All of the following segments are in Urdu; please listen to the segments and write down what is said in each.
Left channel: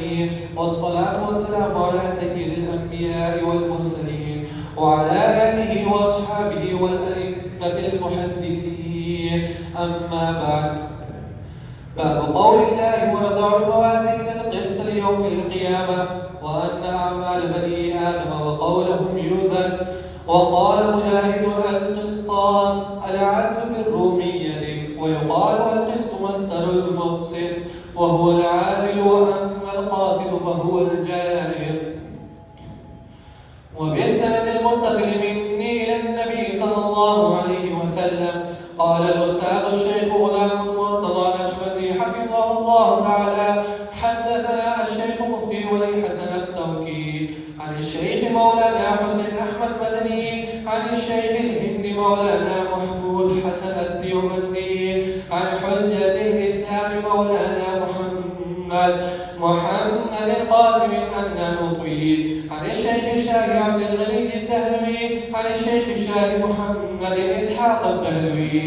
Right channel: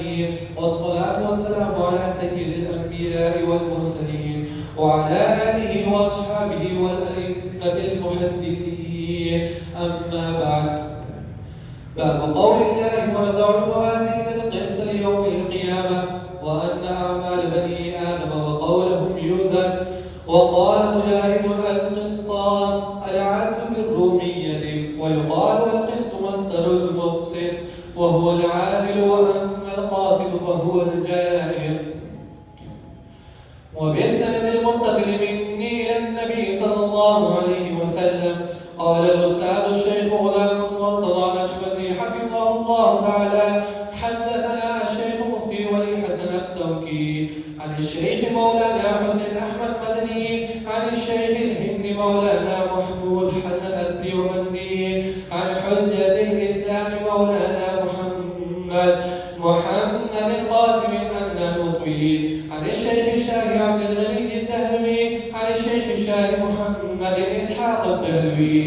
العالمين، والصلاة والسلام على سيد الأنبياء والمرسلين وعلى آله وأصحابه والأئمة المحدثين. أما بعد، باب قول الله: ونضع الموازين القسط ليوم القيامة وأن أعمال بني آدم وقولهم يوزن. وقال مجاهد: القسطاس العدل بالرومية، ويقال القسط مصدر المقسط وهو العامل، وأما القاصد فهو الجائر. وبالسند المتصل مني إلى النبي صلى الله عليه وسلم قال الأستاذ الشيخ غلام مرتضى نشبندي حفظه الله تعالى: حدثنا الشيخ مفتي ولي حسن التوكي عن الشيخ مولانا حسين أحمد مدني عن الشيخ الهند مولانا محمود حسن الديوبندي عن حجة الإسلام مولانا محمد القاسم النانوطي عن الشيخ الشاهي عبد الغني الدهلوي عن الشيخ الشاهي محمد إسحاق الدهلوي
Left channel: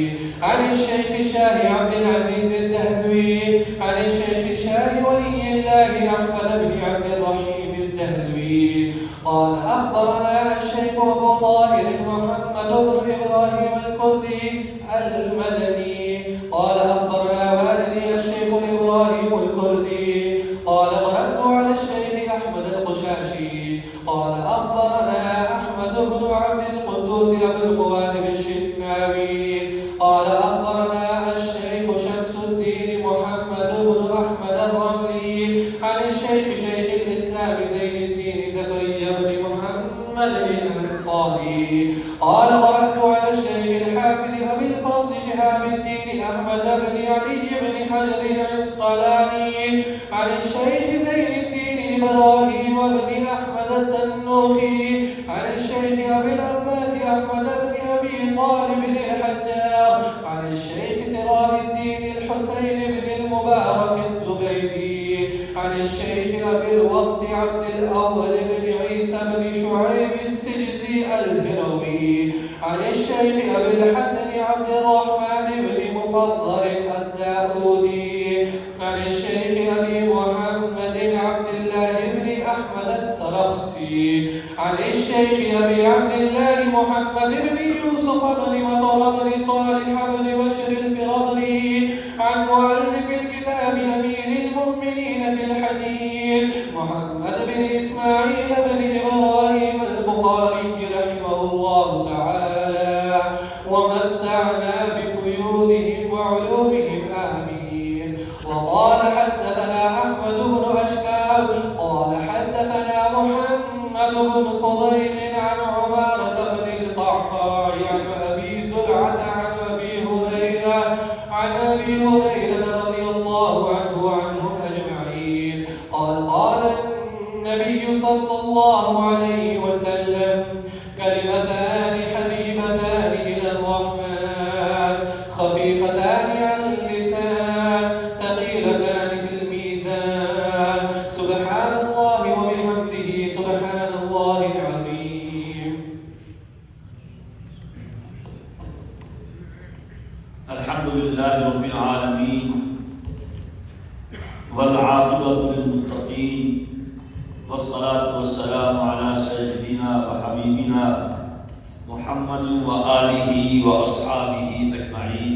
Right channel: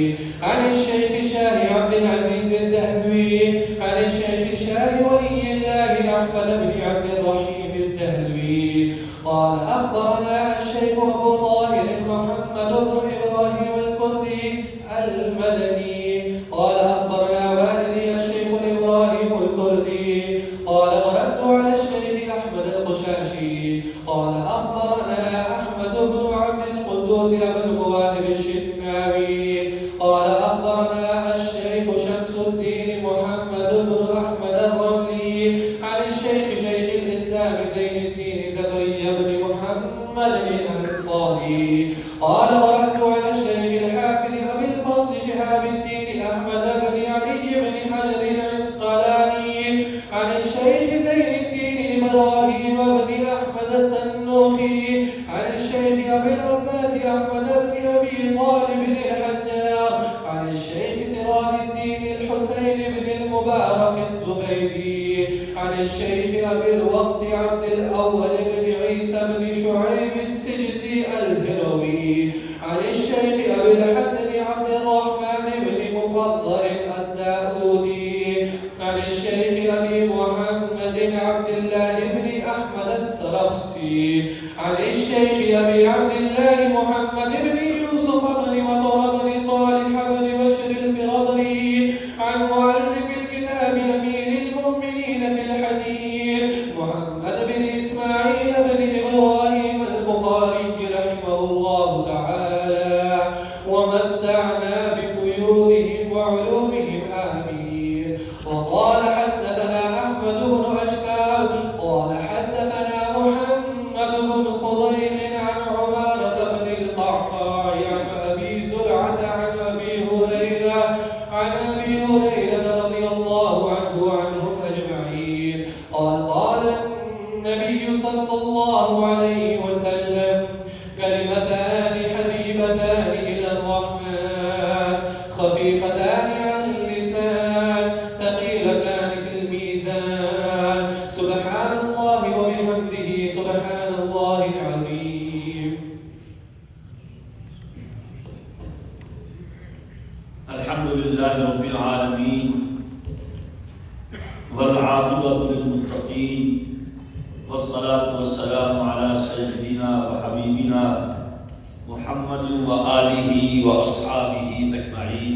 عن الشيخ الشاهي عبد العزيز الدهلوي عن الشيخ الشاهي ولي الله أحمد بن عبد الرحيم الدهلوي قال: أخبرنا الشيخ أبو طاهر محمد بن إبراهيم الكردي المدني قال: أخبرنا والدي الشيخ إبراهيم الكردي قال: قرأت على الشيخ أحمد القشاشي قال: أخبرنا أحمد بن عبد القدوس أبو المواهب الشناوي قال: أخبرنا الشيخ شمس الدين محمد بن أحمد الرملي عن الشيخ شيخ الإسلام زين الدين زكريا بن محمد الأنصاري قال: قرأت على الشيخ الحافظ أبي الفضل شهاب الدين أحمد بن علي بن حجر العسقلاني عن الشيخ زين الدين إبراهيم بن أحمد التنوخي عن الشيخ أبي العباس أحمد بن أبي طالب الحجار عن الشيخ سراج الدين الحسين بن المبارك الزبيدي عن الشيخ أبي الوقت عبد الأول بن عيسى بن شعيب السرزي الهروي عن الشيخ أبي الحسن عبد الرحمن بن مفضل الداودي عن الشيخ أبي محمد عبد الله بن أحمد السرخسي عن الشيخ أبي عبد الله محمد بن يوسف بن مطر بن صالح بن بشر الفربري عن مؤلف الكتاب أمير المؤمنين في الحديث محمد بن إسماعيل بن إبراهيم البخاري رحمه الله تعالى ومتعنا بفيوضهم وعلومهم آمين. وقال: حدثنا أحمد بن أشكال قال: حدثنا محمد بن فضيل عن عمارة بن القعقاع عن أبي زرعة عن أبي هريرة رضي الله عنه وعنهم أجمعين قال: قال النبي صلى الله عليه وسلم: كلمتان حبيبتان إلى الرحمن خفيفتان على اللسان ثقيلتان في الميزان سبحان الله وبحمده سبحان الله العظيم. الحمد لله رب العالمين والعاقبة للمتقين والصلاة والسلام على سيدنا وحبيبنا محمد وآله وأصحابه أجمعين.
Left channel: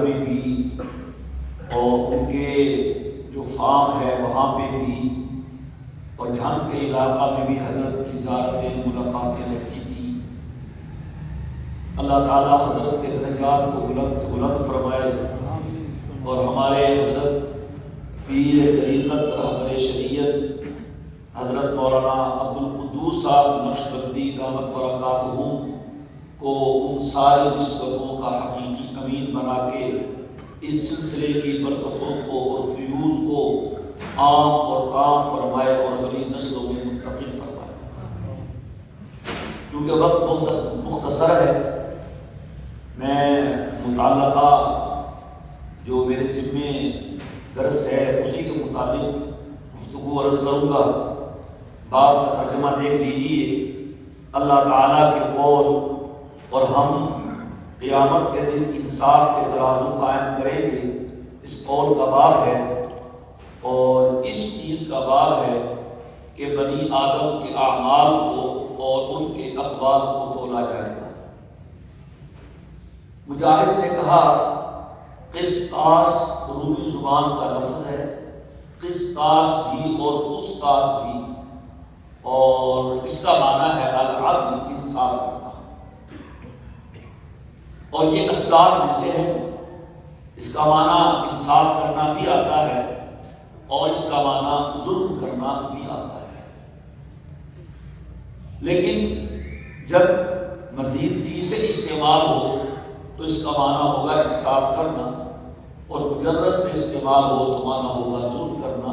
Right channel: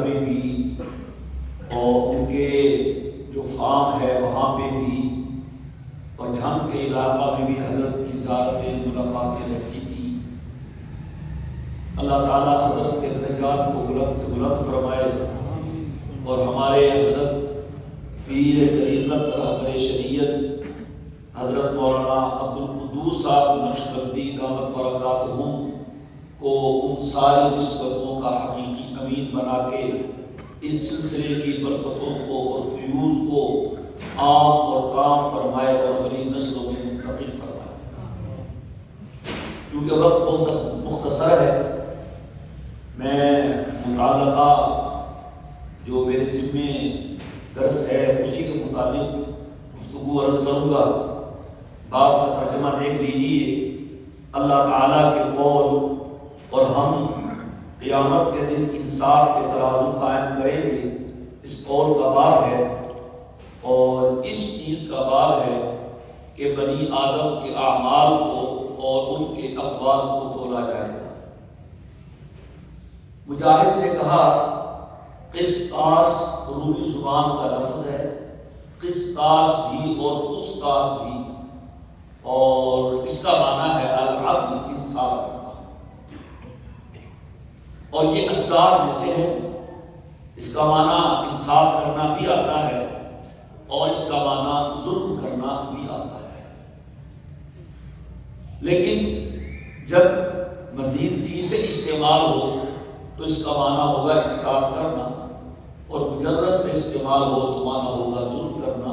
گھر میں بھی اور ان کے جو فارم ہے وہاں پہ بھی اور جھنگ کے علاقہ میں بھی حضرت کی زیارتیں ملاقاتیں رہتی تھی۔ اللہ تعالیٰ حضرت کے درجات کو بلند سے بلند فرمائے اور ہمارے حضرت پیر طریقت رہبر شریعت حضرت مولانا عبدالقدوس صاحب نقشبندی دامت برکاتہم کو ان ساری نسبتوں کا حقیقی امین بنا کے اس سلسلے کی برکتوں کو اور فیوز کو عام اور کام فرمائے اور اگلی نسلوں میں منتقل فرمائے۔ کیونکہ وقت بہت مختصر ہے، میں متعلقہ جو میرے ذمے درس ہے اسی کے مطابق گفتگو عرض کروں گا۔ باب کا ترجمہ دیکھ لیجیے۔ اللہ تعالیٰ کے قول اور ہم قیامت کے دن انصاف کے ترازو قائم کریں گے، اس قول کا باب ہے اور اس چیز کا باب ہے کہ بنی آدم کے اعمال کو اور ان کے اقوال کو تولا جائے گا۔ مجاہد نے کہا قسطاس عربی زبان کا لفظ ہے، قسطاس بھی اور قسطاس بھی، اور اس کا معنی ہے العدل، انصاف کرنا، اور یہ اسداد میں سے ہے۔ اس کا معنی انصاف کرنا بھی آتا ہے اور اس کا معنی ظلم کرنا بھی آتا ہے، لیکن جب مزید فی سے استعمال ہو تو اس کا معنی ہوگا انصاف کرنا، اور مجرد سے استعمال ہو تو معنی ہوگا ظلم کرنا۔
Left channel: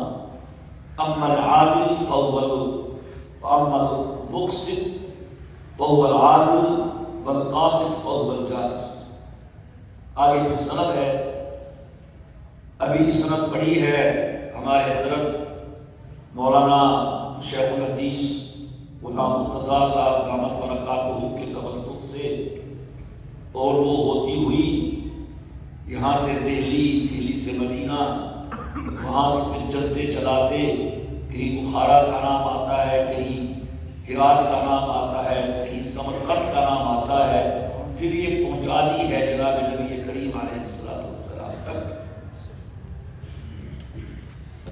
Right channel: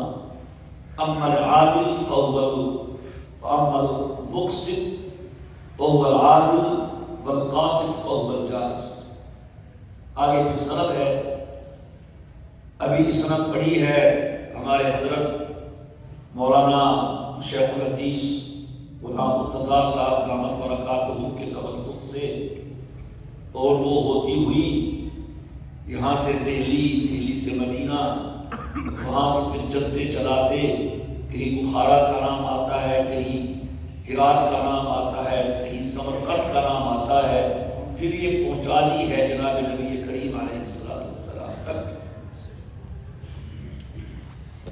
اما العادل فاما المقسط فهو العادل والقاسط فهو الجائر۔ آگے پھر سند ہے، ابھی سند پڑھی ہے ہمارے حضرت مولانا شیخ الحدیث غلام مرتضیٰ صاحب دامت برکاتہ کے توسط سے، اور وہ ہوتی ہوئی یہاں سے دہلی سے مدینہ، وہاں سے پھر چلتے چلاتے کہیں بخارا کا نام آتا ہے، کہیں ہرات کا نام آتا ہے، کہیں سمرقند کا نام آتا ہے، پھر یہ پہنچا دی ہے جناب نبی کریم علیہ السلام تک۔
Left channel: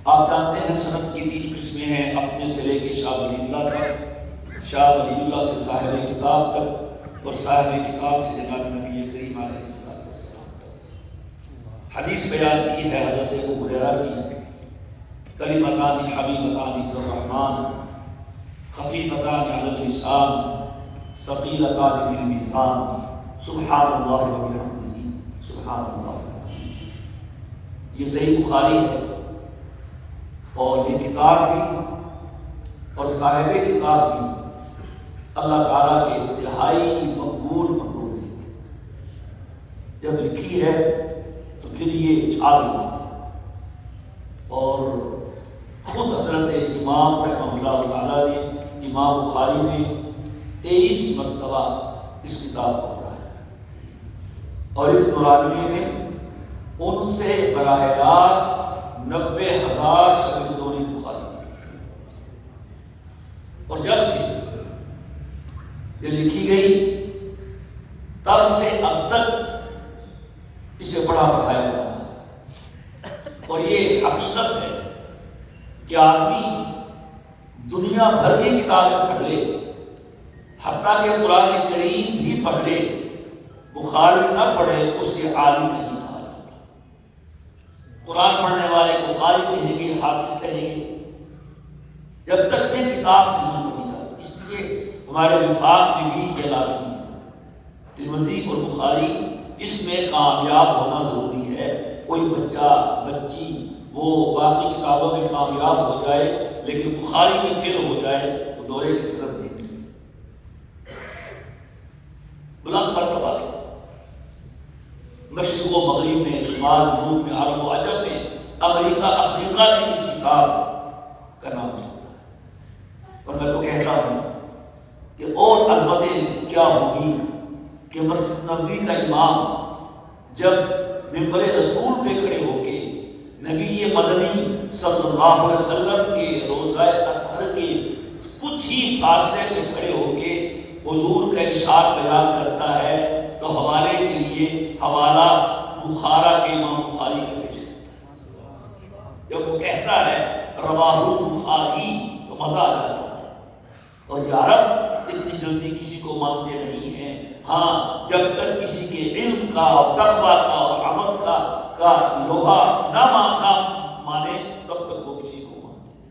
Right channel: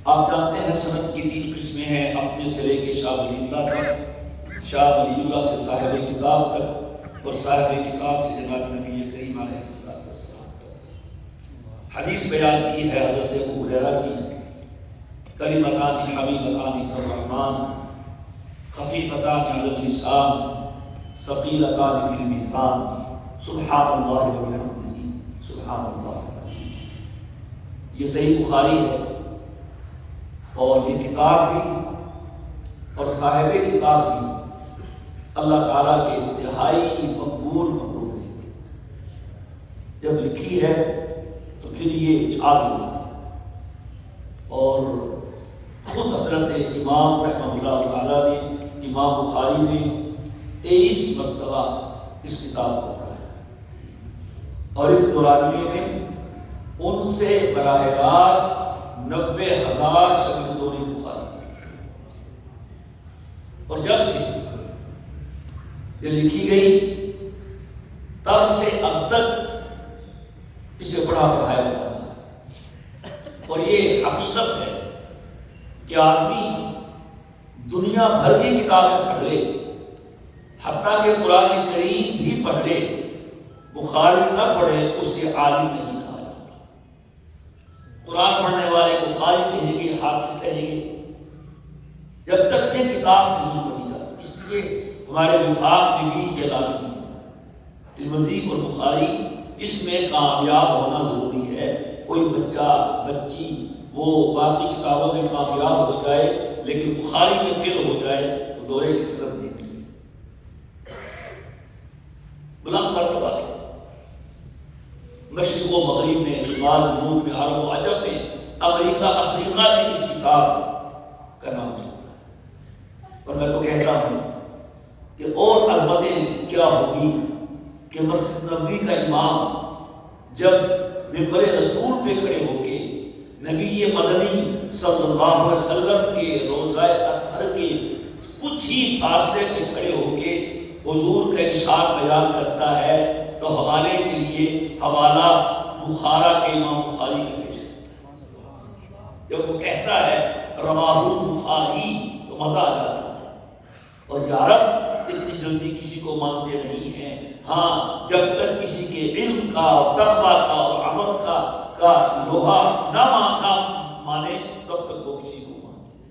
آپ جانتے ہیں سند کی 3 قسمیں ہیں، اپنے سے لے کے شاہ ولی اللہ تک، شاہ ولی اللہ سے صاحب کتاب تک، اور صاحب کتاب سے جناب نبی کریم علیہ السلام تک۔ حدیث بیان کی ہے حضرت ابو ہریرہ کی، کلمتان حبیبتان الرحمن خفیفتان علی اللسان ثقیلتان فی المیزان سبحان اللہ وبحمدہ سبحان اللہ۔ یہ صحیح بخاری ہے، اور یہ کتاب بھی اور صاحب کتاب بھی اللہ تعالیٰ کے انتہائی مقبول مقبول ذکر، جب لکھی ہے تو پھر یہ چھا گئی، اور خود حضرت امام رحمہ اللہ تعالیٰ نے، امام بخاری نے 23 مرتبہ اس کتاب کو پڑھا ہے، اور اس دورانیے میں ان سے براہ راست 90,000 شاگردوں نے بخاری پڑھی، اور جب سے یہ لکھی گئی تب سے اب تک اسے پڑھا پڑھایا جا رہا ہے۔ اور یہ حقیقت ہے کہ آدمی دنیا بھر کی کتابیں پڑھ لے، حتیٰ کہ قرآن کریم بھی پڑھ لے، بخاری نہ پڑھے اس کے عالم نہیں کہا جاتا۔ قرآن پڑھنے والے کو قاری کہیں گے، حافظ کہیں گے، جب تک یہ کتاب نہیں پڑھی جاتی۔ اس لیے ہمارے وفاق میں بھی یہ لازمی ہے، ترمذی اور بخاری اس میں کامیاب ہونا ضروری ہے۔ کوئی بچہ بچی وہ باقی کتابوں میں کامیاب ہو جائے لیکن بخاری میں فیل ہو جائے تو دورے کی صورت نہیں ملتی۔ بلند مرتبہ مشرق و مغرب میں، شمال جنوب میں، عرب و عجم میں، امریکہ افریقہ میں اس کتاب کا نام چلتا ہے۔ اور میں تو کہتا ہوں کہ اور عظمتیں کیا ہوگی کہ مسجد نبوی کا امام جب ممبر رسول پہ کھڑے ہو کے نبی مدنی صلی اللہ علیہ وسلم کے روضہ اطہر کے کچھ ہی فاصلے پہ کھڑے ہو کے حضور کا ارشاد بیان کرتا ہے تو حوالے کے لیے حوالہ بخارا کے امام بخاری کا پیش کرتا ہے۔ جب وہ کہتا ہے رواہ البخاری تو مزہ آ جاتا ہے، اور یا رب اتنی جلدی کسی کو مانتے نہیں ہیں، ہاں جب تک کسی کے علم کا اور تقویٰ کا اور عمل کا لوہا نہ مانے تب تک وہ کسی کو مانتے ہیں۔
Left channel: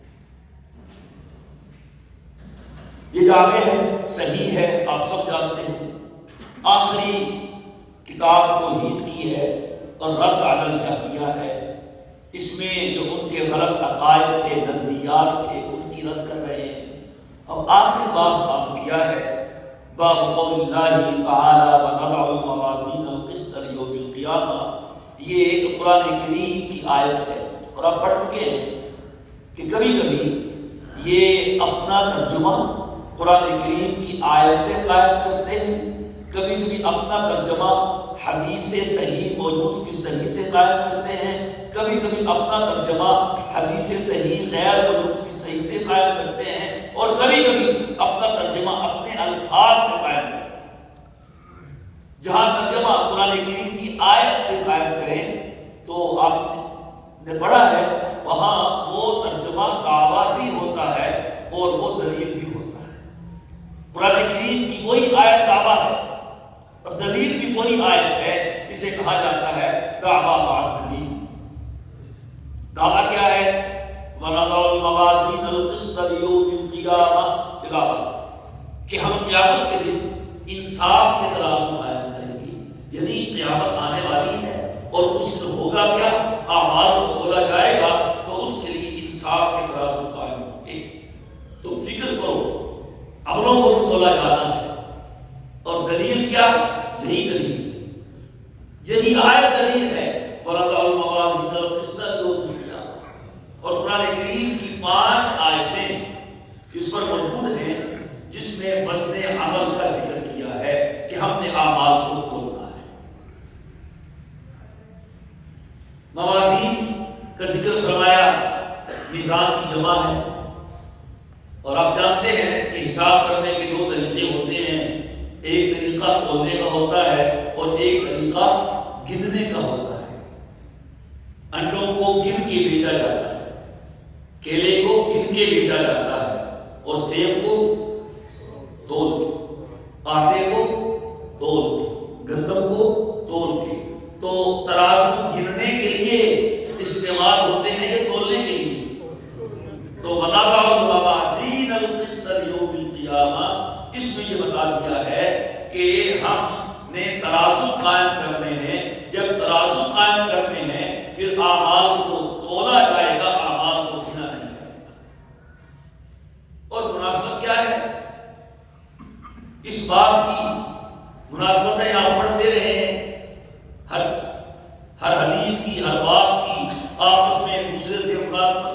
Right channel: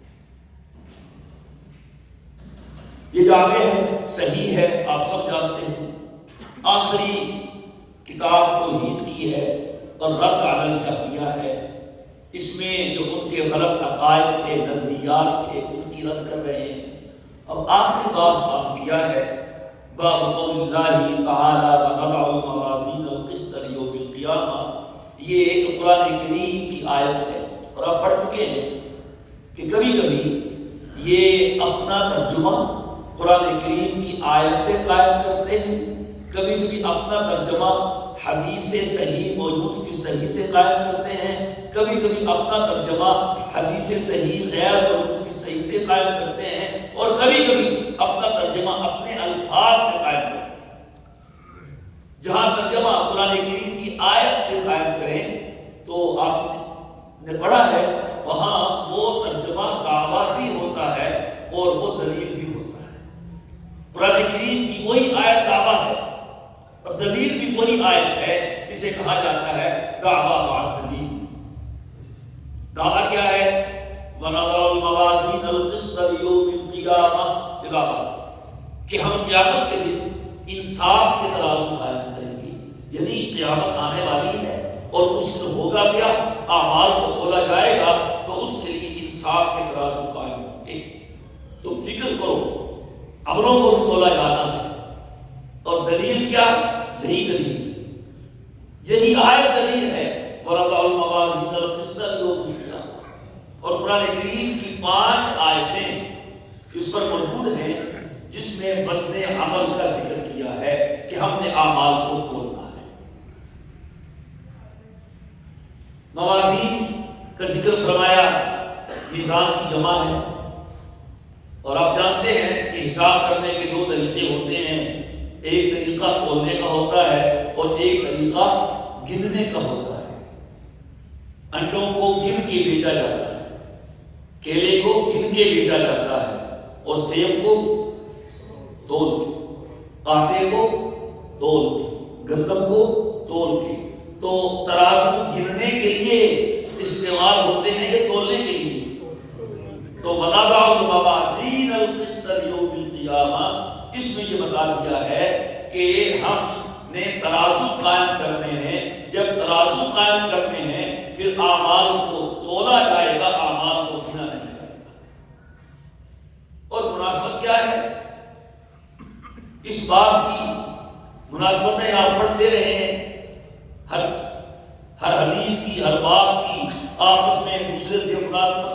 یہ جامع ہے، صحیح ہے، آپ سب جانتے ہیں، آخری کتاب توحید کی ہے اور رد علی الجہمیہ ہے۔ اس میں جو ان کے غلط عقائد تھے، نظریات تھے، ان کی رد کر رہے ہیں۔ اب آخری باب کام کیا ہے، باب قول اللہ تعالی وَنَضَعُ الْمَوَازِينَ الْقِسْطَ لِيَوْمِ الْقِیامَہ، یہ ایک قرآن کریم کی آیت ہے، اور آپ پڑھ چکے ہیں کہ کبھی کبھی یہ اپنا ترجمہ قرآن کریم کی آیت سے قائم کرتے ہیں، کبھی کبھی اپنا ترجمہ حدیث صحیح موجود فی صحیح سے قائم کرتے ہیں، کبھی کبھی اپنا ترجمہ حدیث صحیح غیر موجود فی صحیح سے قائم کرتے ہیں، اور کبھی کبھی اپنا ترجمہ اپنے الفاظ سے قائم کرتے ہیں۔ جہاں ترجمہ قرآن کریم کی آیت سے قائم کریں تو آپ نے پڑھا ہے وہاں وہ ترجمہ دعویٰ بھی ہوتا ہے اور وہ دلیل بھی ہوتا ہے۔ قرآن کریم کی وہی آیت دعویٰ ہے اور دلیل بھی وہی آیت ہے، اسے کہا جاتا ہے دعویٰ بعد دلیل۔ دعویٰ کیا ہے؟ وَنَضَعُ الْمَوَازِينَ الْقِسْطَ لِيَوْمِ الْقِیامَہ، کہ ہم قیامت کے دن انصاف کے ترازو قائم کریں گے، یعنی قیامت آنے والی ہے اور اس میں ہوگا کیا؟ اعمال کو تولا جائے گا تو اس کے لیے انصاف کے ترازو قائم ہوں گے۔ تم فکر کرو، عملوں کو بھی تولا جانا ہے، اور دلیل کیا؟ یہی دلیل، یہی آیت دلیل ہے وَنَضَعُ الْمَوَازِينَ الْقِسْطَ لِيَوْمِ الْقِیامَہ۔ اور قرآن کریم کی 5 آیتیں اس پر موجود ہیں جس میں وزن عمل کا ذکر کیا ہے کہ ہم نے اعمال کو تولنا ہے۔ موازین کا ذکر فرمایا، میزان کی جمع ہے، اور آپ جانتے ہیں کہ حساب کرنے کے 2 طریقے ہوتے ہیں، ایک طریقہ تولنے کا ہوتا ہے اور ایک طریقہ گننے کا ہوتا ہے۔ انڈوں کو گن کے بیچا جاتا ہے، کیلے کو گن کے بیچا جاتا ہے، اور سیب کو تول کے، آٹے کو تول کے، گندم کو تول کے۔ تو ترازو گننے کے لیے استعمال ہوتے ہیں یا تولنے کے لیے؟ تو وَنَضَعُ الْمَوَازِينَ الْقِسْطَ لِيَوْمِ الْقِیامَہ، اس میں یہ بتا دیا ہے کہ ہم نے ترازو قائم کرنے ہیں، جب ترازو قائم کرنے ہیں پھر اعمال کو تولا جائے گا، اعمال کو گنا نہیں جائے گا۔ اور مناسبت کیا ہے اس بات کی؟ مناسبتیں آپ پڑھتے رہے ہیں، ہر حدیث کی، ہر بات کی آپس میں ایک دوسرے سے مناسبت۔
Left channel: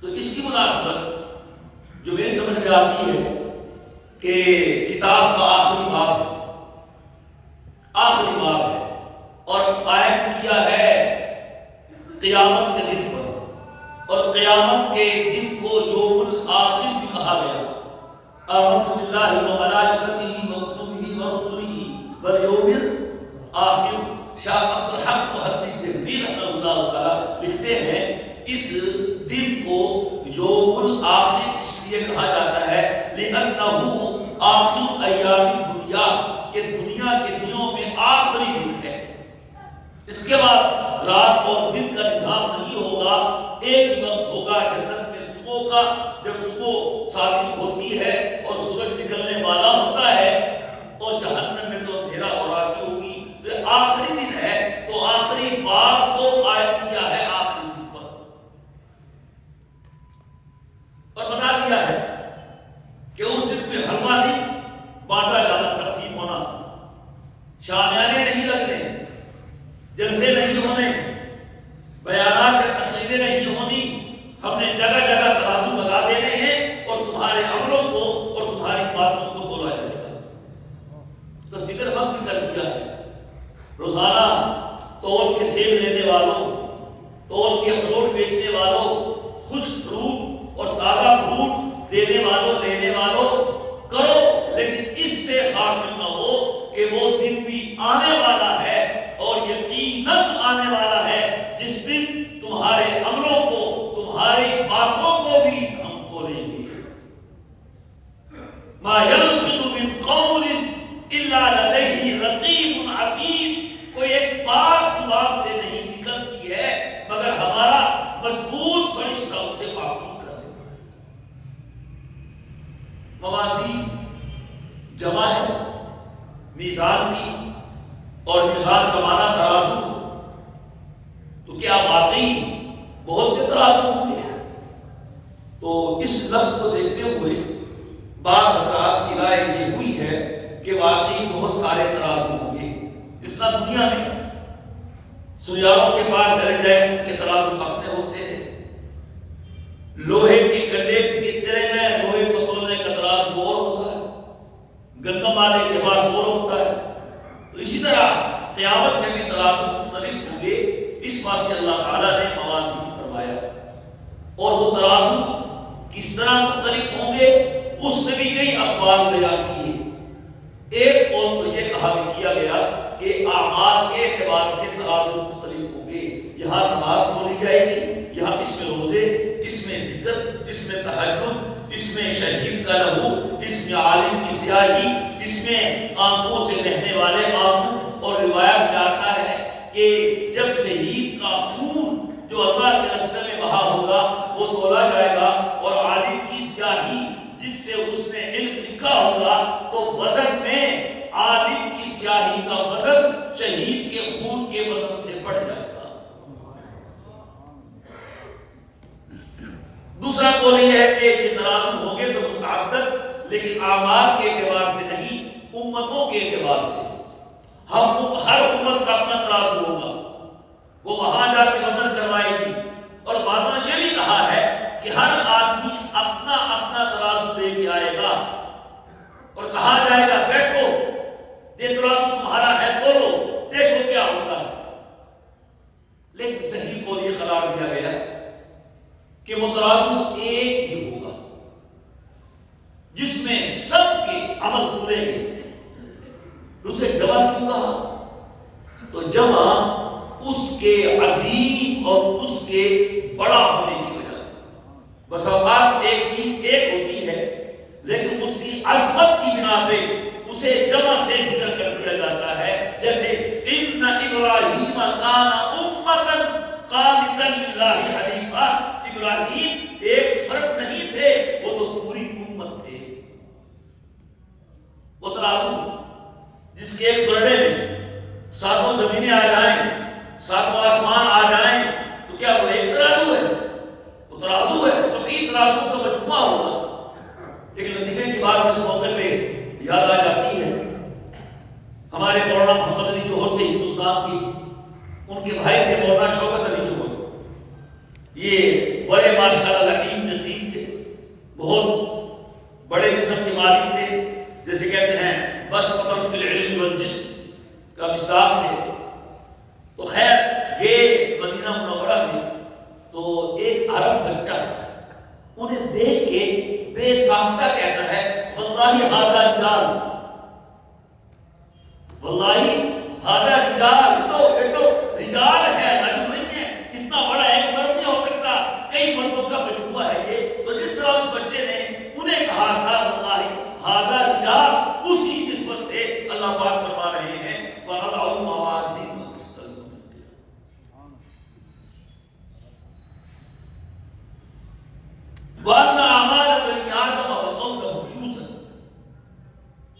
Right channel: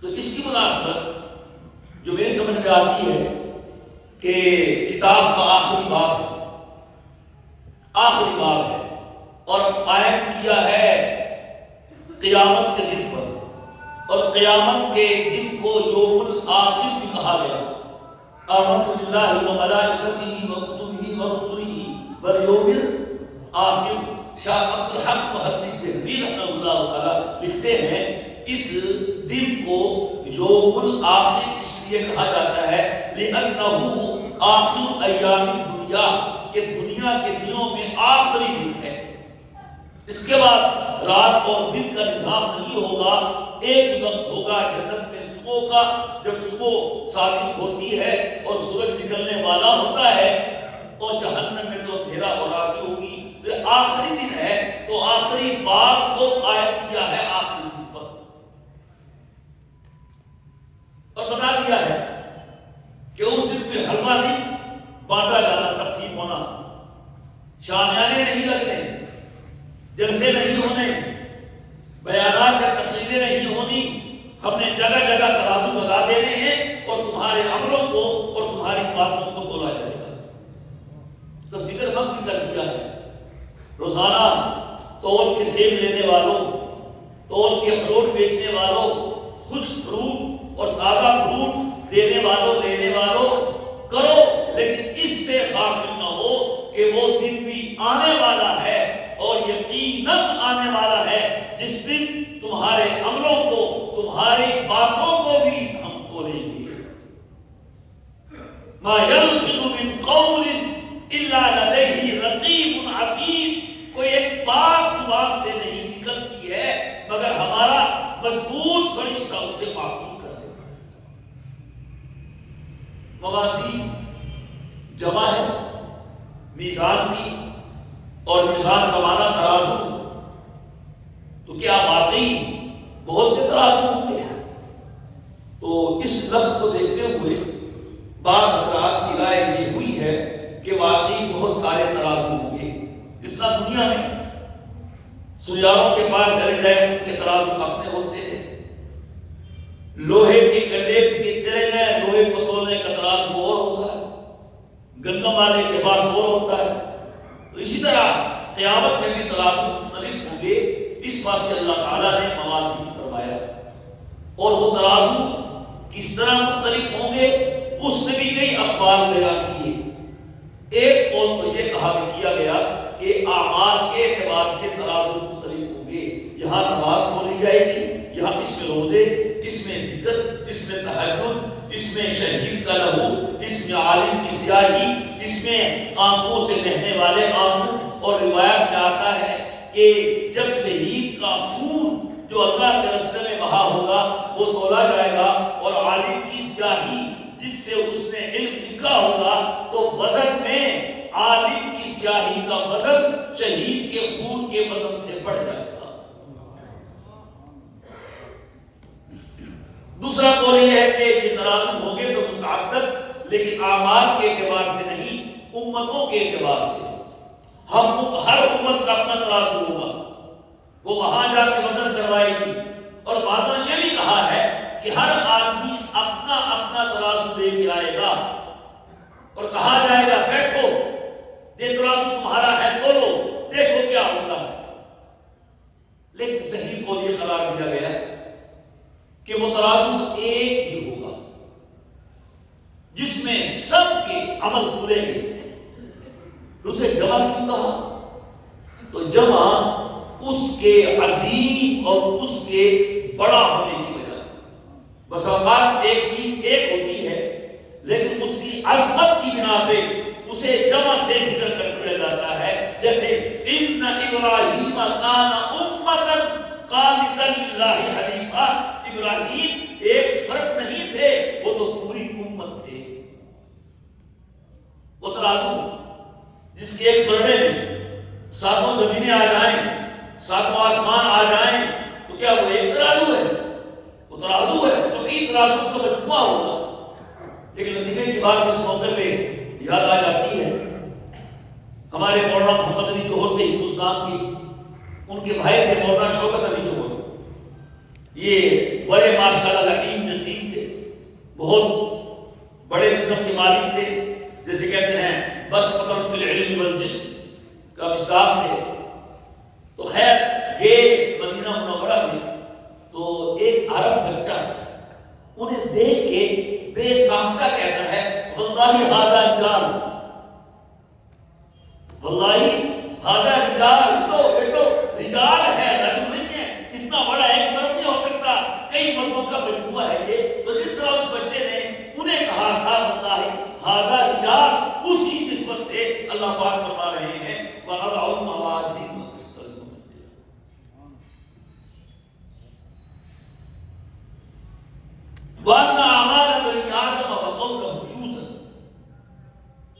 تو اس کی مناسبت جو میری سمجھ میں آتی ہے کہ کتاب کا آخری باب ہے اور قائم کیا ہے قیامت کے دن پر، اور قیامت کے دن کو یوم الآخر بھی کہا گیا۔ آمنت باللہ وملائکتہ وکتبہ ورسلہ والیوم الآخر۔ شاہ عبد الحق محدث دہلوی رحمہ اللہ تعالی لکھتے ہیں اس دن کو یوم الآخر اس لیے کہا جاتا ہے لأنہ آخر ایام الدنیا، کہ دنیا کے دنوں میں آخری دن ہے۔ اس کے بعد رات اور دن کا نظام نہیں ہوگا، ایک ہی وقت ہوگا جنت میں صبح کا، جب صبح صادق ہوتی ہے اور سورج نکلنے والا ہوتا ہے، اور جہنم میں تو اندھیرا ہو رہی ہوگی۔ تو آخری دن ہے تو آخری بات کو قائم کیا ہے آخری دن پر، اور بتا دیا ہے کہ اس دن پہ حلوہ نہیں بانٹا جانا، تقسیم ہونا، شامیانے نہیں لگنے، جلسے نہیں ہونے، بیانات یا تقریریں نہیں ہونی۔ ہم نے جگہ جگہ ترازو لگا دینے ہیں اور تمہارے عملوں کو اور تمہاری باتوں کو تولا جائے گا۔ تو فکر مت بھی کر دیا ہے، روزانہ تول کے سیب لینے والوں، تول کے فروٹ بیچنے والوں، خشک فروٹ اور تازہ فروٹ دینے والوں، لینے والوں کرو، لیکن اس سے غافل نہ ہو کہ وہ دن بھی آنے والا ہے میزان کی اور میزان کا معنی ترازو، تو کیا واقعی بہت سے ترازو ہوں گے؟ تو اس لفظ کو دیکھتے ہوئے بعض حضرات کی رائے یہ ہوئی ہے کہ واقعی بہت سارے ترازو ہوں گے۔ اس طرح دنیا میں سیاحوں کے پاس چلے جائیں، ان کے ترازو اپنے ہوتے ہیں، لوہے کے کنڈے کے چلے جائیں، لوہے کو تولنے کا ترازو اور ہوتا ہے، گندم والے کے پاس اور ہوتا ہے۔ تو اسی طرح قیامت میں بھی ترازو مختلف ہوں گے۔ اس بات سے اللہ تعالیٰ نے موازین فرمایا، اور وہ ترازو کس طرح مختلف ہوں گے اس نے بھی کئی اقوال بیان کیے۔ ایک قول تو یہ کہا کیا گیا کہ اعمال کے اعتبار سے ترازو مختلف ہوں گے۔ یہاں نماز کھولی جائے گی، یہاں اس میں روزے، اس میں ذکر، اس میں تہجد، اس میں شہید کا لہو، اس میں عالم کی سیاہی، اس میں آنکھوں سے بہنے والے آنسو۔ اور روایت میں آتا ہے کہ جب شہید کا خون جو اللہ کے راستے میں بہا ہوگا وہ تولا جائے گا، اور عالم کی سیاہی جس سے اس نے علم لکھا ہوگا، تو وزن میں عالم کی سیاہی کا وزن شہید کے خون کے وزن سے بڑھ جائے گا۔ دوسرا قول یہ ہے کہ یہ ترازو ہوں گے تو متعدد، لیکن اعمال کے اعتبار سے نہیں، امتوں کے اعتبار سے۔ ہر امت کا اپنا ترازو ہوگا، وہ وہاں جا کے وزن کروائے گی۔ اور بعض نے یہ بھی کہا ہے کہ ہر آدمی اپنا اپنا ترازو لے کے آئے گا، اور کہا جائے گا بیٹھو، یہ ترازو تمہارا ہے، تولو، دیکھو کیا ہوتا ہے۔ لیکن صحیح قول یہ قرار دیا گیا کہ وہ ترازو ایک ہی ہوگا جس میں سب کے عمل تلیں گے۔ اسے جمع کیوں کہا؟ تو جمع اس کے عظیم اور اس کے بڑا ہونے کی وجہ سے۔ بس اوقات ایک چیز ایک ہوتی ہے، لیکن اس کی عظمت کی بنا پہ اسے جمع سے ذکر کر دیا جاتا ہے۔ جیسے ان ابراہیم کان امۃ قانتا للہ حنیفا، ابراہیم ایک فرد نہیں تھے، وہ تو پوری امت تھے۔ وہ ترازو جس کے ایک گرڈے میں ساتوں زمینیں آ جائیں، ساتوں آسمان آ جائیں، تو کیا وہ ایک ترازو ہے؟ وہ ترازو ہے تو کئی ترازو کا مجموعہ ہوگا۔ ایک لطیفے کی بات اس موقع پہ یاد آ جاتی ہے۔ ہمارے مولانا محمد علی جوہر تھے ہندوستان کے، ان کے بھائی تھے مولانا شوکت علی جوہر۔ یہ بڑے ماشاءاللہ لحیم نسیم تھے، بہت بڑے قسم کے مالک تھے، جیسے کہتے ہیں بس قطر فی العلم والجسم کا مصداق تھے۔ تو خیر گئے مدینہ منورہ میں، تو ایک عرب بچہ انہیں دیکھ کے بے ساختہ کہتا ہے واللہ ھذا رجال، واللہ ھذا رجال، یہ تو رجال ہے، رجل نہیں ہے، اتنا بڑا ایک مرد نہیں ہو سکتا، کئی مردوں کا مجموعہ ہے یہ۔ تو جس طرح اس بچے نے انہیں کہا تھا واللہ ھذا رجال، اسی نسبت سے اللہ پاک فرما رہے ہیں وَنَضَعُ الْمَوَازِينَ الْقِسْطَ لِيَوْمِ الْقِيَامَةِ وَأَنَّ أَعْمَالَ بَنِي آدَمَ وَقَوْلَهُمْ يُوزَنُ،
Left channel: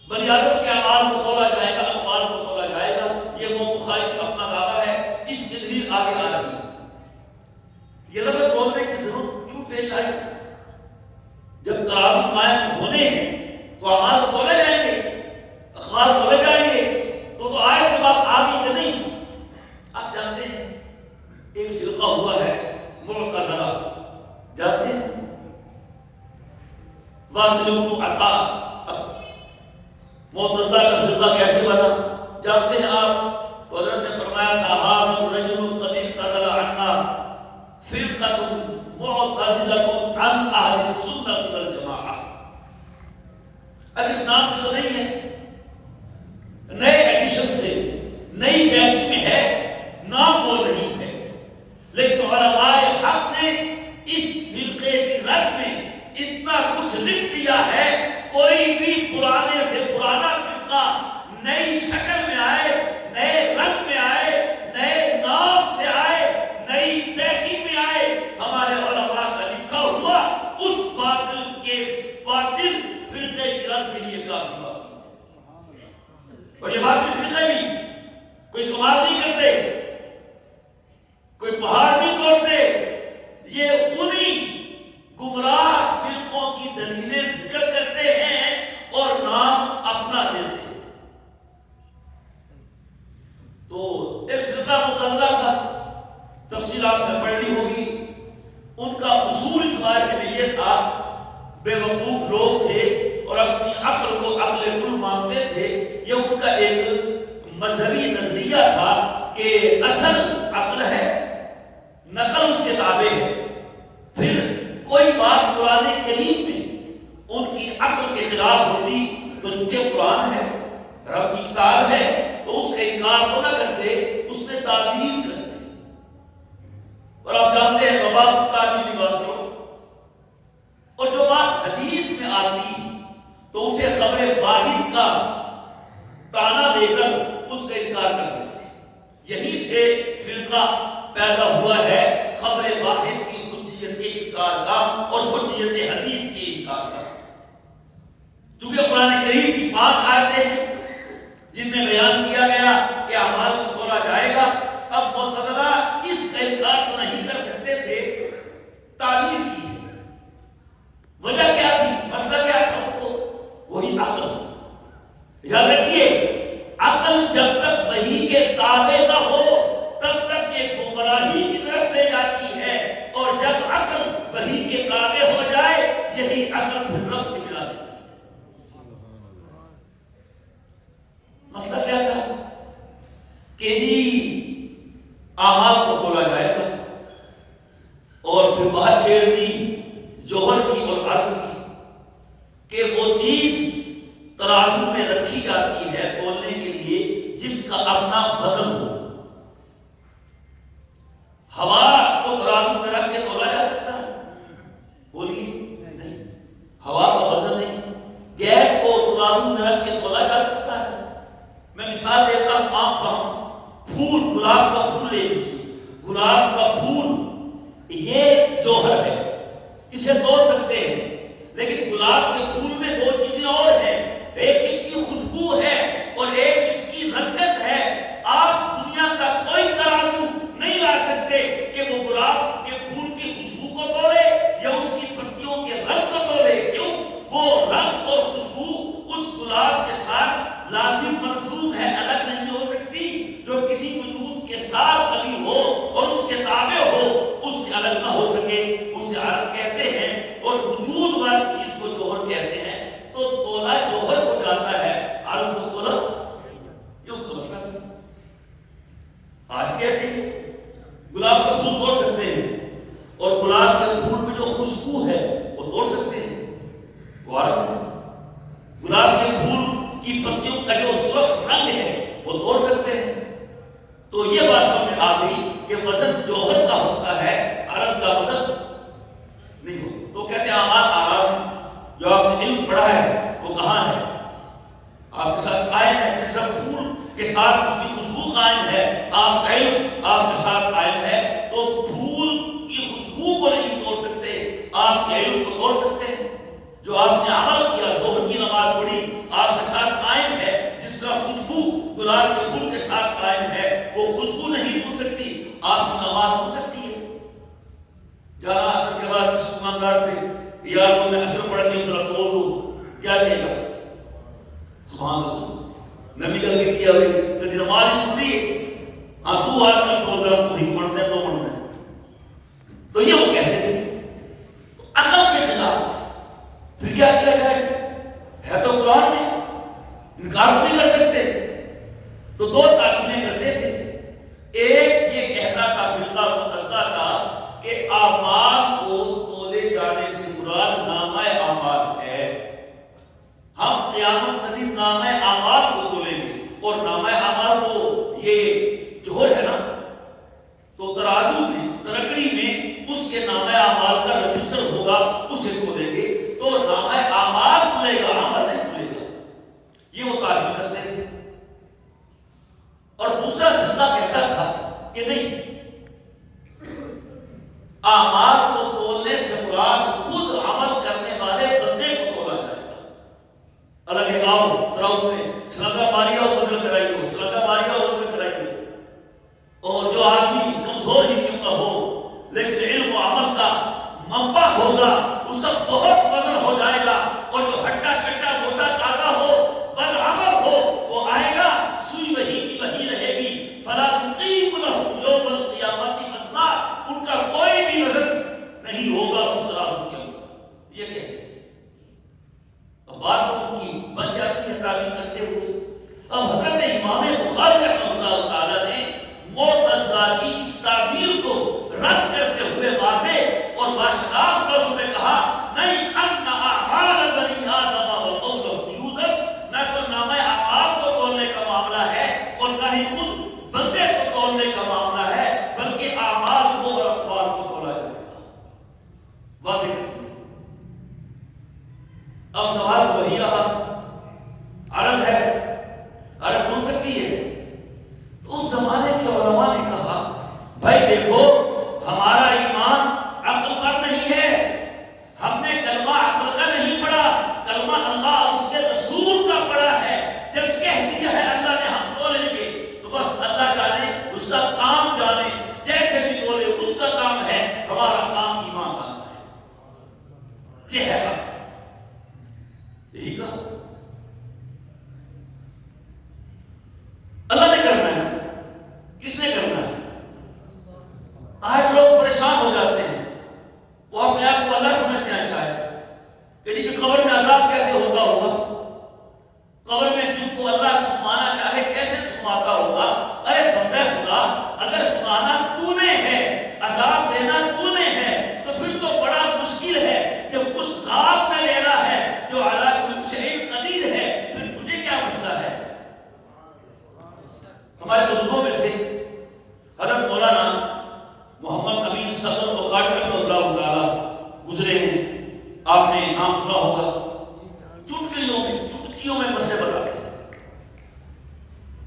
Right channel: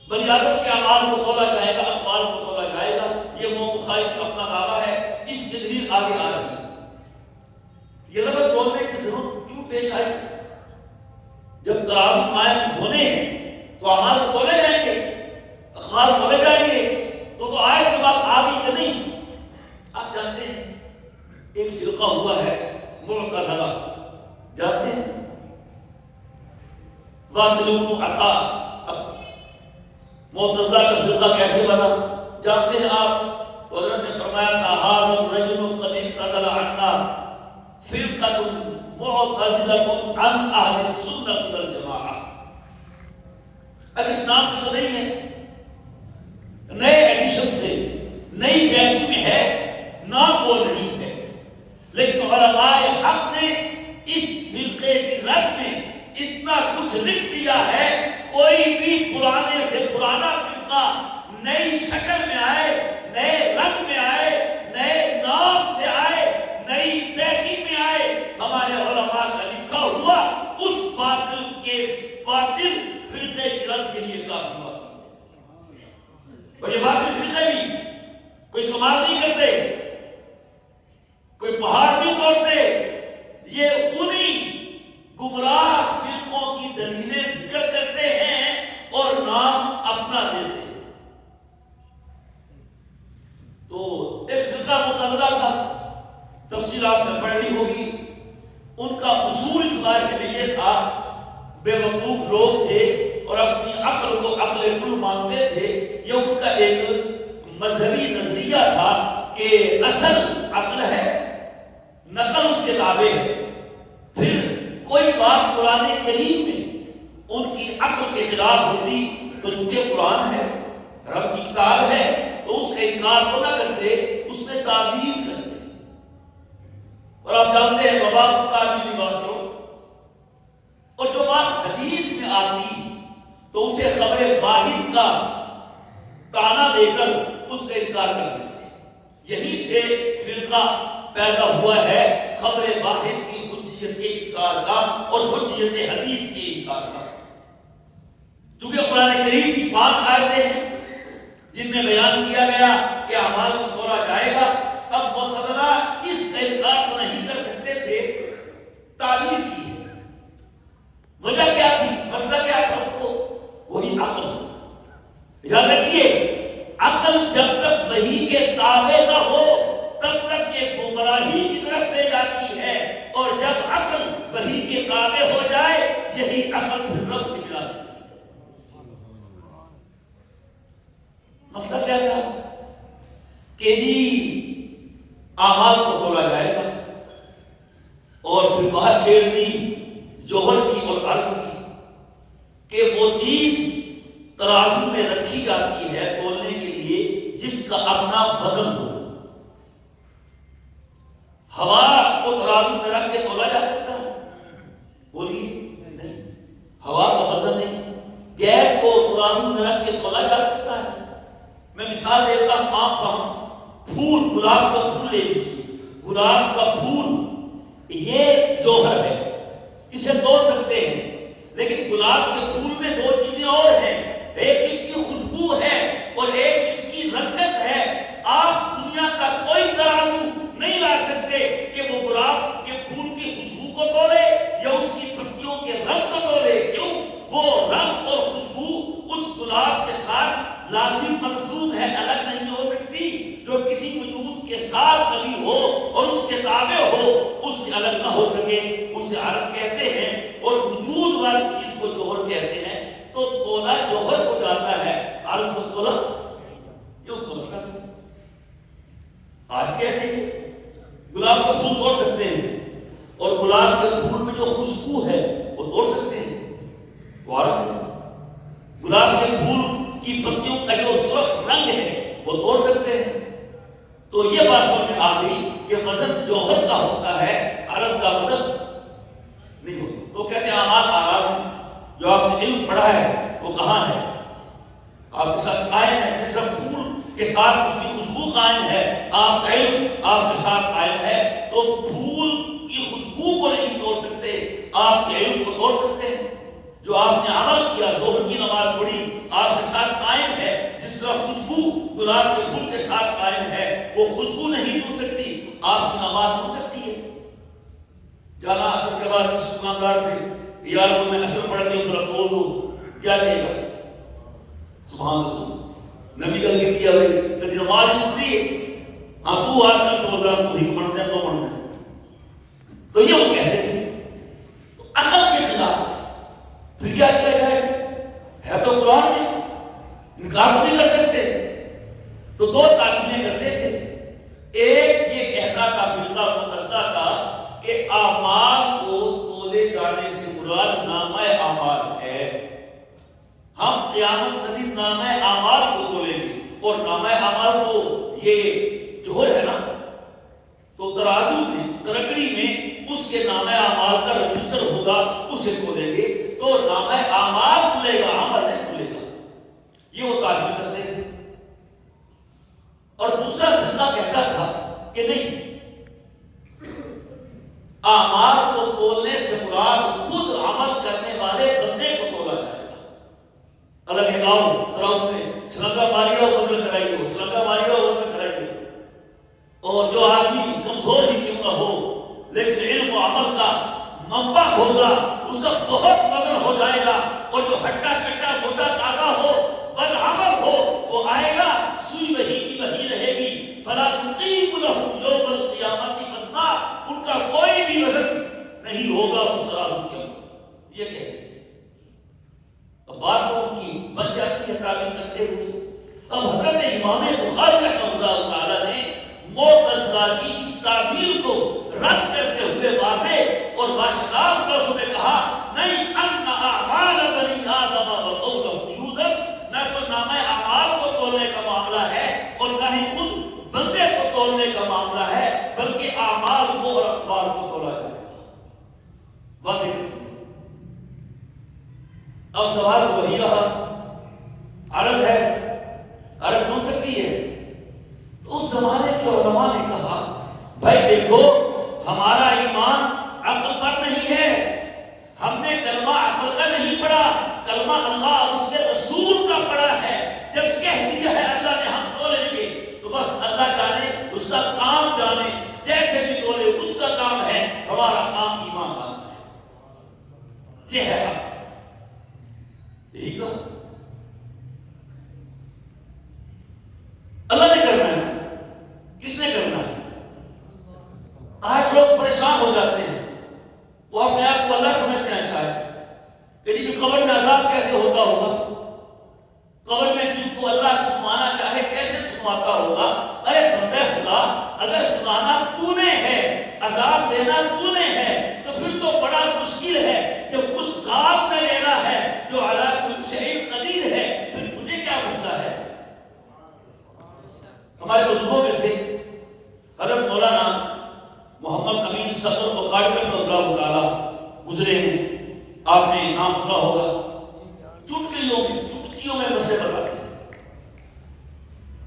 بنی آدم کے اعمال کو تولا جائے گا، اقوال کو تولا جائے گا۔ یہ وہ بخاری کا اپنا دعویٰ ہے، اس کی دلیل آگے آ رہی ہے۔ یہ لفظ بولنے کی ضرورت کیوں پیش آئی؟ جب ترازو قائم ہونے ہیں تو اعمال کو تولے جائیں گے، اقوال تولے جائیں گے، تو آیت کے بعد آگے کہ نہیں۔ آپ جانتے ہیں ایک فرقہ ہوا ہے معتزلہ، جانتے ہیں؟ واصل بن عطا معتزلہ کا فرقہ کیسے بنا جانتے ہیں آپ؟ تو حضرت نے فرمایا تھا ھذا الرجل قد انتقل عنا فرقۃ معتزلۃ عن اہل السنۃ والجماعہ۔ اب اس نام سے تو نہیں ہے، نئے ایڈیشن سے نئی پیکنگ میں ہے، نام وہ نہیں ہے، لیکن علماء حق نے اس فرقے کی رد میں اتنا کچھ لکھ دیا ہے، کوئی بھی پرانے سے پرانا فرقہ نئی شکل میں آئے اور یہ باقی فرقے بھی کوئی کمال نہیں کرتے، کوئی پہاڑ نہیں توڑتے، یہ انہی گمراہ فرقوں کی دلیلیں ذکر کرتے ہیں اور نام اپنا دیتے ہیں۔ تو ایک فرقہ متحدہ تھا، تفصیل آپ نے پڑھ لی ہوگی۔ ان کا اصول اس بات کے لیے تھا، بے وقوف لوگ تھے اور اپنی عقل کو عقل کل مانتے تھے۔ یہ ان کا ایک مذہبی نظریہ تھا کہ اصل عقل ہے، نقل اس کے تابع ہے۔ پھر کوئی بات قرآن کریم میں ان کی عقل کے خلاف ہوتی تو چونکہ قرآن ہے، رب کی کتاب ہے، تو اس کا انکار تو نہ کرتے، اس میں تعبیر کرتے۔ اور آپ جانتے ہیں باب تعبیری واضح، اور جو بات حدیث میں آتی تو اسے خبر واحد کا تانا دے کر اس کا انکار کر دیتے۔ یہی سے فرقہ پیدا ہوا ہے، خبر واحد کی حجیت کے انکار کا اور حجیت حدیث کے انکار کا۔ چونکہ قرآن کریم کی 5 آیتیں ہیں جن میں بیان کیا گیا کہ اعمال کو تولا جائے گا، اب معتزلہ اس کا انکار تو نہیں کر سکتے تھے، تعبیر کی ہے۔ وجہ کیا تھی؟ مسئلہ کیا تھا؟ ان کو وہی عقل۔ یاد رکھیے، عقل جب تک وحی کے تابع نہ ہو تب تک یہ گمراہی کی طرف لے جاتی ہے، اور جب عقل وحی کے تابع ہو جائے یہی عقل پھر رب سے ملا دیتی ہے۔ مسئلہ کیا تھا کہ جی اعمال کو تولا جائے گا، اور پھر بات چھیڑ دی جوہر کی اور عرض کی کہ وہ چیز ترازو میں رکھی جاتی ہے تولنے کے لیے جس کا اپنا وزن ہو۔ ہوا کو ترازو میں رکھ کے تولا جا سکتا ہے؟ بولیے نہیں، ہوا کا وزن نہیں۔ گیس کو ترازو میں رکھ کے تولا جا سکتا ہے؟ میں مثال دیتا ہوں عام فہم، پھول، گلاب کا پھول لے لیجیے، گلاب کا پھول یہ جوہر ہے، اسے توڑ سکتے ہیں، لیکن گلاب کے پھول میں 2 چیزیں اور ہیں، ایک اس کی خوشبو ہے اور ایک اس کی رنگت ہے۔ آپ دنیا کا کوئی ترازو نہیں لا سکتے کہ وہ گلاب کے پھول کی خوشبو کو تولے یا اس کی پتیوں کے رنگ کو تولے۔ کیوں؟ وہ رنگ اور خوشبو اس گلاب کے ساتھ لازم ملزوم ہے، الگ نہیں ہو سکتی۔ جو کسی وجود کے ساتھ لگی ہو اور اس کے تابع ہو اس سے الگ نہ ہو سکے، اسے عرض کہتے ہیں، اور وجود والی چیز کو جوہر کہتے ہیں۔ تو تولا جوہر کو جاتا ہے، عرض کو تولا یوں تو مسئلہ تھا۔ آج کیسے گلاب کا پھول توڑ سکتے ہیں اور گلاب کے پھول میں جو خوشبو ہے وہ توڑ سکتے ہیں؟ وہ عرض ہے۔ گلاب کے پھول کی پتیوں کا جو سرخ رنگ ہے وہ توڑ سکتے ہیں؟ تو یہ بات سمجھ آ گئی کہ وزن جوہر کا ہوتا ہے، عرض کا وزن نہیں ہوتا۔ تو کہتے ہیں اعمال اعراض، جو آپ نے علم پڑھا ہے وہ کہاں ہے؟ آپ کے ساتھ قائم ہے، جس طرح پھول کے ساتھ اس کی خوشبو قائم ہے، آپ کا علم آپ کے ساتھ قائم ہے۔ تو پھول کی خوشبو کو نہیں توڑ سکتے، آپ کے علم کو توڑ سکتے ہیں۔ جو آپ نے عمل کیا، ظہر کی نماز پڑھی، آپ کے ساتھ قائم ہے، جس طرح خوشبو گلاب کے پھول کے ساتھ قائم ہے، وہ خوشبو نہیں ٹوٹ سکتی، آپ کی نماز ٹوٹ سکتی ہے۔ جانا اثر کے بعد کسی دکاندار پہ یار کو میں اثر پڑھتی ہوں ذرا توڑ دو، کیا کہے گا؟ سبحان اللہ، نبی گل کی دیا ہوئی کہ نماز ہی چھوڑی ہے، ہاں تو آج کل توڑ دیں، وہی پڑھتے ہیں، تو پڑھتے ہیں۔ تو یہ وہ کہتے تھے عقل کے خلاف تھے۔ پھر کیا کیا جائے؟ ہے تو قرآن میں، انکار نہیں کر سکتے۔ تو 2 تعلیمیں کرتے تھے۔ ایک یہ کہتا تھا فرقہ معتزلہ کا کہ اعمال کو تولے جانے سے مراد نامہ اعمال ہے، ہم قیامت کا دن نامہ اعمال کو تولیں گے، اور نامہ اعمال کو یہ جوہر ہے نا، تو ترازو میں، ترکڑی میں اس کے نامہ اعمال کا رجسٹر ہوگا، اسے تولیں گے، تو نامہ اعمال تلے گا، عمل نہیں تلے گا۔ یہ وہ تعبیر کرتے تھے۔ اور دوسرا فرقہ کہتا تھا کہ نہیں، اعمال کو تولنے سے مراد خود عمل کرنے والے بندے کو تولا جائے گا۔ الگ ہے، گاؤں تراؤ میں چھلانگا ماریا ہو، بخاری رحمہ اللہ تعالیٰ نے معتزلہ کی اس تعبیر کو رد کرتے ہوئے واضح اور باشکاف لفظوں میں کہا نہیں ان اعمال بنی آدم وقولهم یوزن، نہ تو نام اعمال کو تولنے کا معاملہ ہے اور نہ ہی خود بندے کو تولنے کا معاملہ ہے، بلکہ اعمال کو اور اقوال کو تولا جائے گا، واضح کرتی ہے۔ اب سوال تو وہی رہا، عرض ہے، عرض سن سکتی ہے؟ تو اس زمانے کے علماء نے کہا بھائی دیکھو ہمارا ایمان عقل پر نہیں ہے، ہم نے کلمہ عقل کا نہیں پڑھا، کلمہ اللہ اور اس کے رسول کا پڑھا ہے۔ جب کہہ دیا ہے اللہ نے ہم تولیں گے تو بس اللہ جانے، اس کا کام جانے، جیسے بھی تولے اس کا کام ہے، ہمارا کام ایمان لانا ہے۔ یہ ہے حق، یہی کہا اللہ نے کرنا ہے، کس نے کرنا ہے؟ آج لوگ پریشان ہو جاتے ہیں، وہ اپنے آپ کو اللہ سمجھتے ہیں شاید کہ جی قبر میں عذاب کیسے ہوتا ہوگا، قبر میں جن کو اللہ سمانا چاہے کیسے سماتا ہوگا۔ ارے بندے خدا، اگر سمانا تو نے ہے، عذاب دینا تو نے ہے، تو پھر تو بڑا مشکل ہے جب اس ذات نے لینا ہے جو علی کل شیء قدیر ہے، پھر تجھے کیا مسئلہ ہے؟ ہمارے بزرگوں میں سے حضرت مولانا محمد امین صدر بخاری رحمہ اللہ تعالیٰ گزرے ہیں، آپ نے نام سنا ہوگا۔ چٹکیوں میں مسئلے بتاتے تھے۔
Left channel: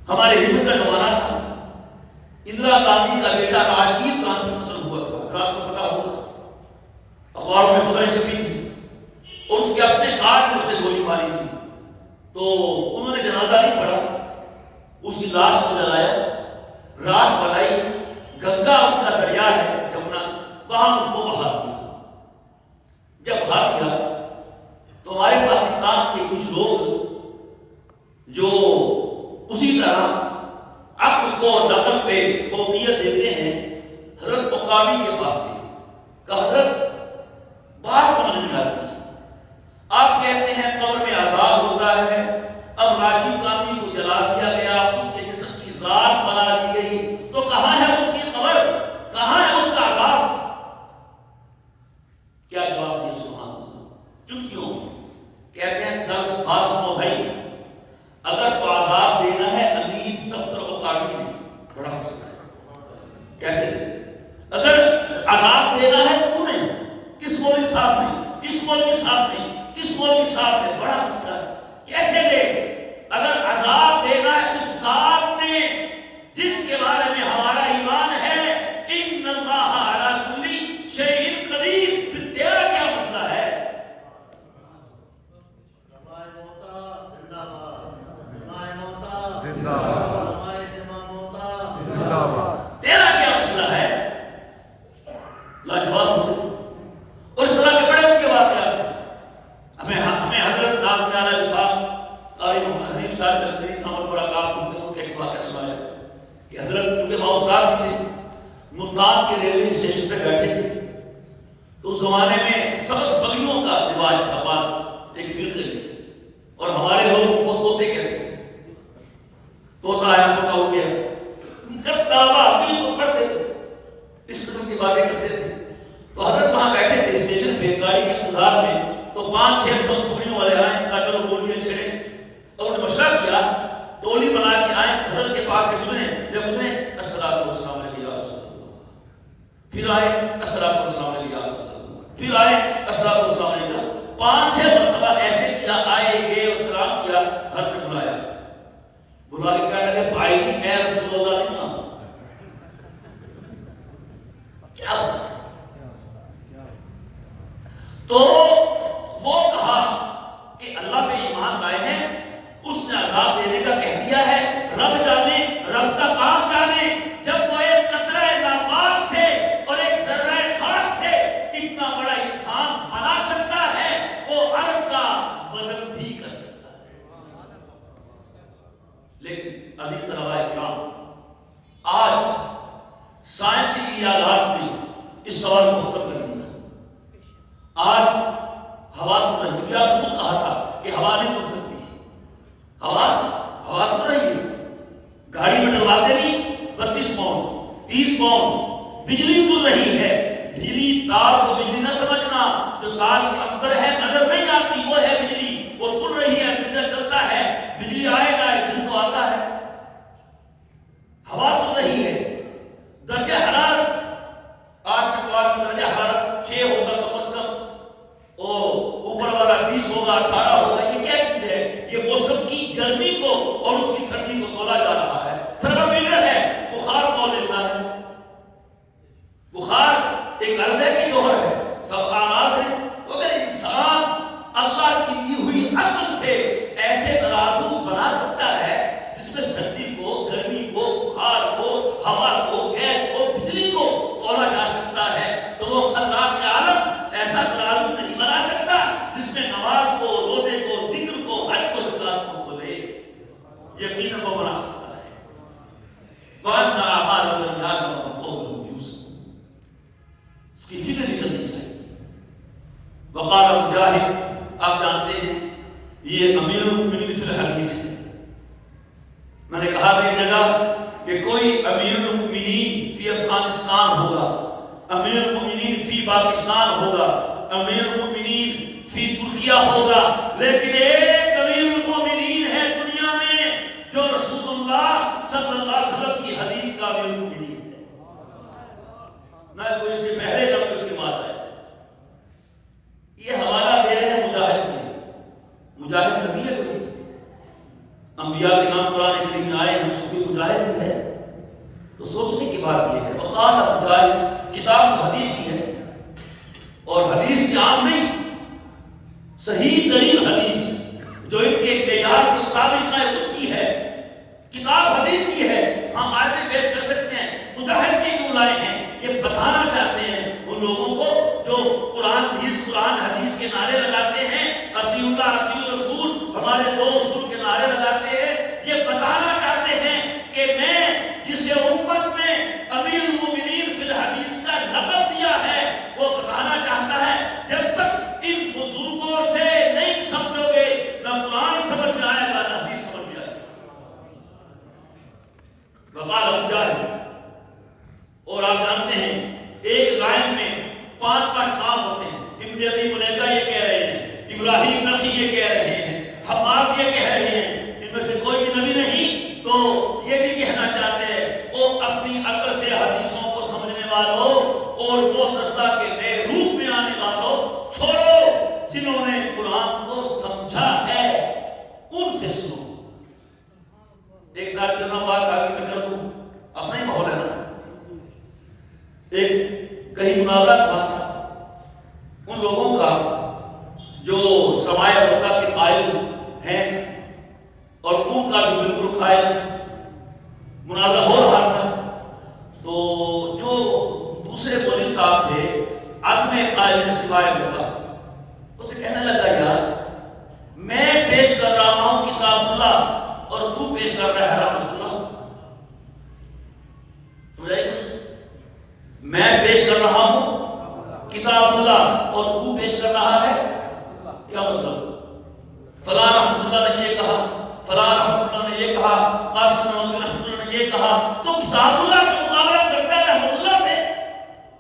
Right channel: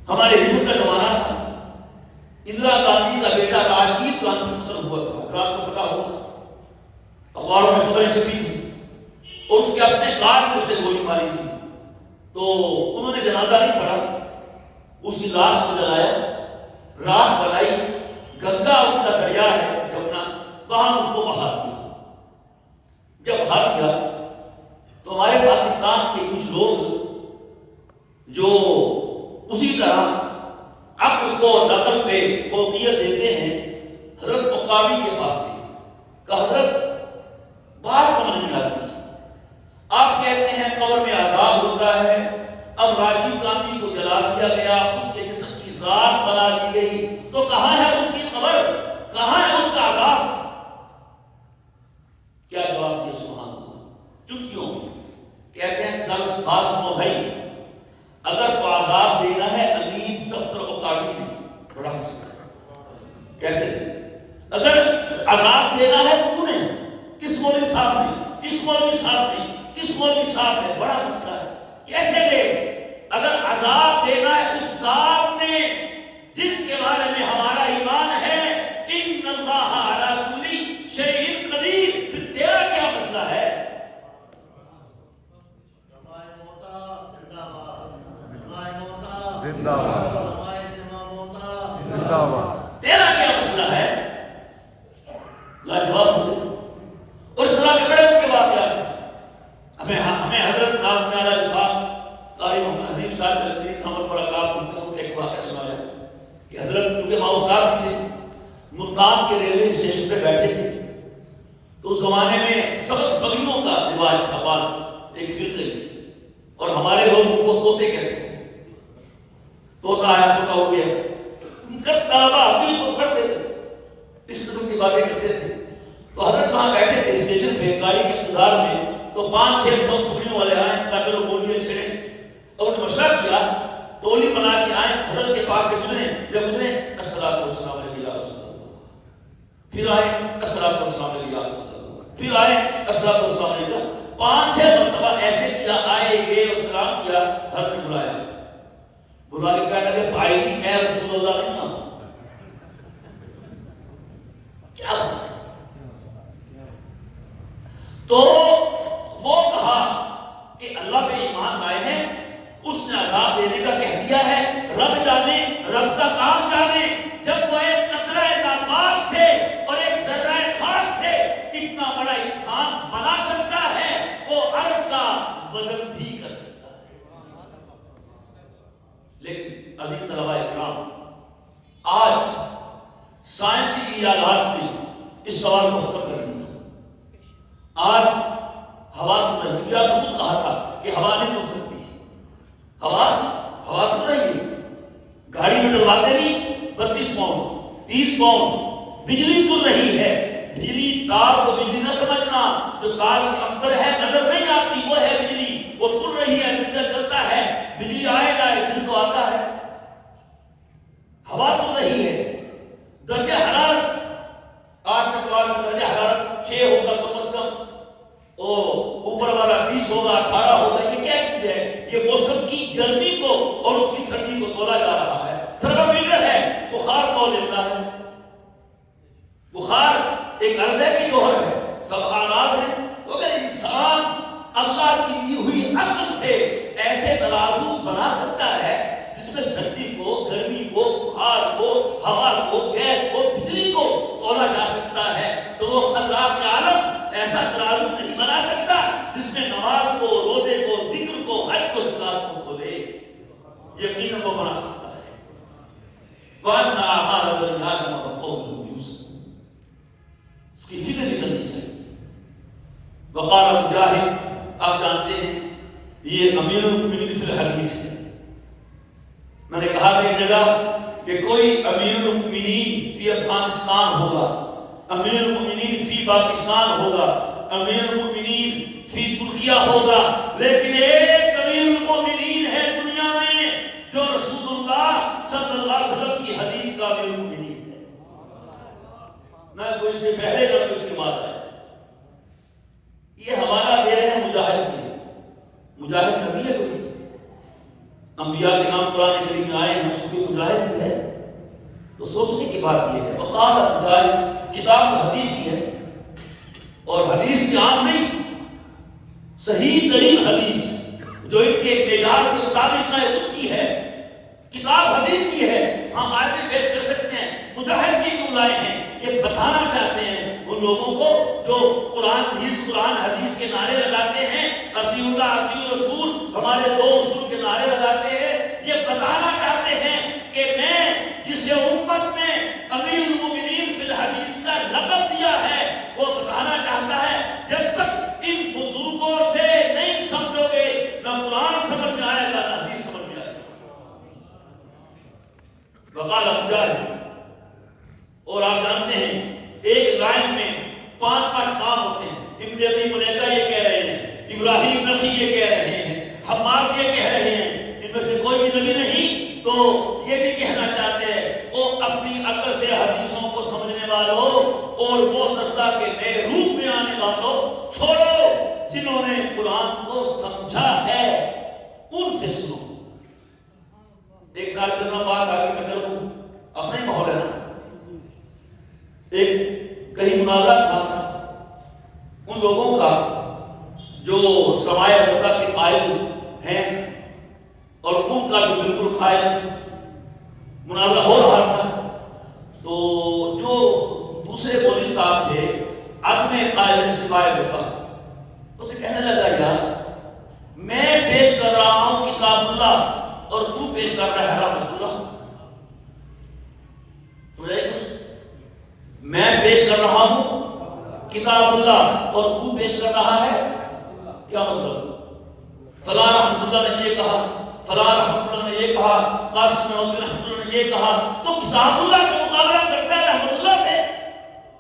ہمارے ہندو کا زمانہ تھا، اندرا گاندھی کا بیٹا راجیو گاندھی قتل ہوا تھا، حضرات کو پتا ہوگا، اخباروں میں خبریں چھپی تھی، اور اس کے اپنے گارڈ کو اسے گولی ماری تھی، تو انہوں نے جنازہ نہیں پڑھا، اس کی لاش کو جلایا، رات بنائی، گنگا ان کا دریا ہے جمنا، وہاں اس کو بہا دیا۔ جب بہا دیا تو ہمارے پاکستان کے کچھ لوگ جو اسی طرح عقل کو نقل پہ فوقیت دیتے ہیں، حضرت مقامی کے پاس گئے کہ حضرت بات سمجھ نہیں آتی، آپ کہتے ہیں قبر میں عذاب ہوتا ہے، اب راجیو گاندھی کو جلا دیا گیا، اس کے جسم کی رات بنا دی گئی، تو کہاں ہے اس کی قبر، کہاں ہے اس کا عذاب؟ کیا جواب دیا سبحان اللہ؟ چٹکیوں کہتے ہیں درس بات سنو بھائی، اگر تو عذاب دینا ہے امین سفتر و قابل میں بڑا مسئلہ ہے، کیسے؟ اگر عذاب دینا ہے تو نے، اس مولوی صاحب نے، اس مولوی صاحب نے، اس مولوی صاحب نے، بڑا مسئلہ ہے، کیسے دے؟ اگر عذاب دینا ہے اس ذات نے جس کے بارے میں ہمارا ایمان ہے ان اللہ علی کل شیء قدیر، پھر تیرا کیا مسئلہ ہے؟ تیرا کیا مسئلہ ہے؟ لاجواب ہو گئے۔ اور اس طرح کے بڑے ان کے واقعات ہیں۔ ہمیں حضرت ناظم اعلیٰ وفاق قاری محمد حنیف صاحب القدری محمد برکات ان کے ایک واقعہ سنایا کہ حضرت کیونکہ اوزگار تھے، ملتان کے ریلوے اسٹیشن پہ بیٹھے تھے، تو اس زمانے میں سبز بکریوں کا رواج تھا، بات ایک فرقے میں، اور ہمارے لوگ ان کو طوطے کہتے تھے، طوطا آیا طوطا ہو گیا، طلبا بھی کو پڑھتے تھے، اس قسم کی باتیں کرتے تھے۔ تو حضرت وہاں بیٹھے تھے اسٹیشن پہ گاڑی کے انتظار میں، تو 500-600 ٹکڑیوں والے آئے، کہا چلو گولیاں چھیڑیں، اور انہوں نے مشورہ کیا، ٹولی بنا کے آئے، حضرت کے پاس سے گزرے، جب گزرے السلام والسلام علیہ یا رسول اللہ، پھر آئے السلام والسلام علیہ یا رسول اللہ، پھر آئے السلام والسلام علیہ، 5-6 مرتبہ ایسے کیا، آئے گئے اور سلام کیا، حضرت نے بلایا، بلا کے کہنے لگے بھائی میں رسول اللہ نہیں ہوں، کیا تو وہ کہا کہ اللہ پہ ایمان لائے ہیں، اس نے عذاب دینے کا کہہ دیا ہے، رب جانے، رب کا کام جانے، جب وہ ایک قطرہ ناپاک سے اور ایک ذرہ خاک سے اتنا بڑا انسان بنا سکتا ہے، وہ عرض کا وزن بھی کر سکتا ہے۔ لیکن عزیز طلباء کرام، آج سائنسی ایجادات نے اس سوال کو ختم کر دیا۔ آج ہوا تو نہیں، کیا خود کہا تھا کہ ہوا نہیں تر سکتی، ہوا تو نہیں ہے، گاڑی میں ڈلواتے نہیں 32 پاؤنڈ 30 پاؤنڈ بجلی تل رہی ہے. بجلی تار کو بجلی نہ سمجھنا، جو تار کے اندر ہے نظر نہیں آتی وہ ہے بجلی، وہ تل رہی ہے، میٹر چلتا ہے، بجلی آئے گا دل تو آتا ہے. ہوا تل رہی ہے. درجہ حرارت 8 چکوال کا درجہ حرارت 6 ہوگا کم از کم، اور اوپر والا 20 ہوگا 18 ہوگا. یہ کیا چیز ہے؟ یہ موسم کی گرمی کو اور اس کی سردی کو تولا جا رہا ہے. تھرمامیٹر ہے، بخار تول لیتا ہے. بخار ایک عرضے کی جوہر ہے، سب آغاز ہے. تو اگر انسان اللہ کی دی ہوئی عقل سے ایسے ترازو بنا سکتا ہے جس میں سردی کو، گرمی کو، بخار کو، ہوا کو، گیس کو، بجلی کو تولا جا سکتا ہے، تو وہ خلاق کے عالم ایسا ترازو نہیں بنا سکتا جس میں نماز کو، روزے کو، ذکر کو، حج کو، زکات کو تولے. یقیناً وہ بنا سکتا ہے. وَأَنَّ أَعْمَالَ بَنِي وَقَوْمُهُمْ يُوسُفُونَ. اس کی فکر بھی کرنی چاہیے. وقال مجاہد، آپ جانتے ہیں یہ امیر المؤمنین فی الحدیث ہے. میں نے کہا تھا ایک جگہ کہ کوئی امیر المؤمنین فی افغانستان ہوگا، امیر المؤمنین فی پاکستان ہوگا، امیر المؤمنین فی ترکیہ ہوگا، لیکن ایک امیر المؤمنین ہے دنیا میں جو رسول اللہ صلی اللہ علیہ وسلم کی حدیث کا امیر المؤمنین ہے. نہ کوئی اس سے پہلے نہ کوئی اس کے بعد ہے. یہ حوالہ دے رہے ہیں مجاہد کے. مجاہد نبی ہے کوئی؟ انبیاء کے نام قرآن کریم میں آئے ہیں، چونکہ مجاہد بھی ہے. تو سوچنے کی بات یہ ہے، وقال مجاہد کتاب حدیث کی ہے، اور حدیث کی عام نہیں، صحیح ترین حدیث جو ان کے معیار کے مطابق ہے اس کی ہے. کتاب حدیث کی ہے. ہم آیتیں پیش کر سکتے ہیں. مجاہد کی کیوں لائے ہیں؟ یہ بتانا چاہتے ہیں ان لوگوں کو جو قرآن حدیث کے نعرے لگاتے ہیں، اطیعوا اللہ اطیعوا الرسول، ہمارے دو اصول کے نعرے لگاتے ہیں. یہ بتانا چاہتے ہیں کہ میں جسے امت نے امیر المؤمنین فی الحدیث کا لقب دیا ہے، وہ بتانا چاہتا ہے جب تک ان بزرگوں سے نہیں سمجھو گے نہ قرآن سمجھ میں آئے گا نہ حدیث سمجھ میں آئے گا. وقال مجاہد. اور آپ جانتے ہیں ایک لائن میں 5 کام ہوتے ہیں. ابن ابی ملیکہ یہ کہہ رہے ہیں، ابراہیم نخعی یہ کہہ رہے ہیں، حماد یہ کہہ رہے ہیں، ان میں سے کوئی بھی نبی نہیں تو یہ بھی کہنا چاہتے ہیں وہ اپنی عقل سے حدیثوں کو سمجھنے والوں اور وہ دستہ کے نئے روپ میں آنے والوں چھوڑو، جنہوں نے قرآن کو سمجھا ہے ان سے سنو. ایک ترجمہ بات آگے میں کر دوں، اپنے ماحول ہے نا. ایک کہیں مناظرہ تھا ان لوگوں کا جو سوائے وقت کے قائل ہیں اور ان کا جو بالکل قائل مناظرہ ہو رہا تھا. تو جو دوسرے مولوی صاحب تھے عدم قائل سوائے وقت، اسے کہنے لگا یار میں پیش کر رہا ہوں کتاب اللہ اور تو پیش کر رہا ہے رحمت اللہ. سمجھائے کچھ؟ میں پیش کر رہا ہوں کتاب اللہ اور تو پیش کر رہا ہے، کیا مطلب؟ فلاں رحمۃ اللہ نے یہ کہا، فلاں رحمۃ اللہ نے یہ کہا، قاسم نانوتوی رحمۃ اللہ نے یہ کہا، تو کتاب اللہ کا مقابلہ کرتا ہے رحمۃ اللہ سے.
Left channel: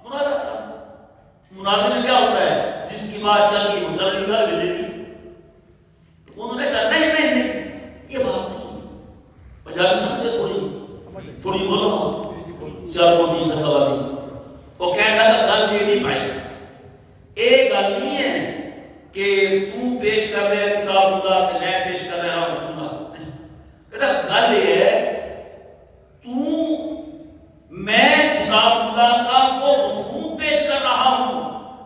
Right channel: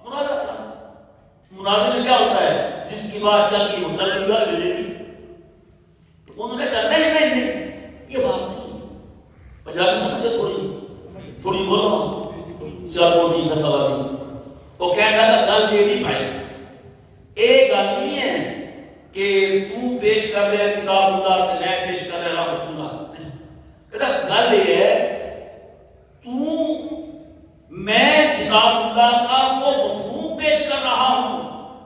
مناظرہ تھا. مناظرے میں کیا ہوتا ہے؟ جس کی بات چل گئی وہ چل گئی، گل لے لی. تو انہوں نے کہا نہیں یہ بات نہیں. پنجابی سمجھے تھوڑی بولو سیاپوٹی فیصلہ دی. وہ کہتا تھا گل یہ نہیں پائی. ایک گل نہیں ہے کہ تو پیش کر رہے کتاب اللہ کہ میں پیش کر رہا رحمت اللہ. کہتا گل یہ ہے میں کتاب اللہ کا وہ مفہوم پیش کر رہا ہوں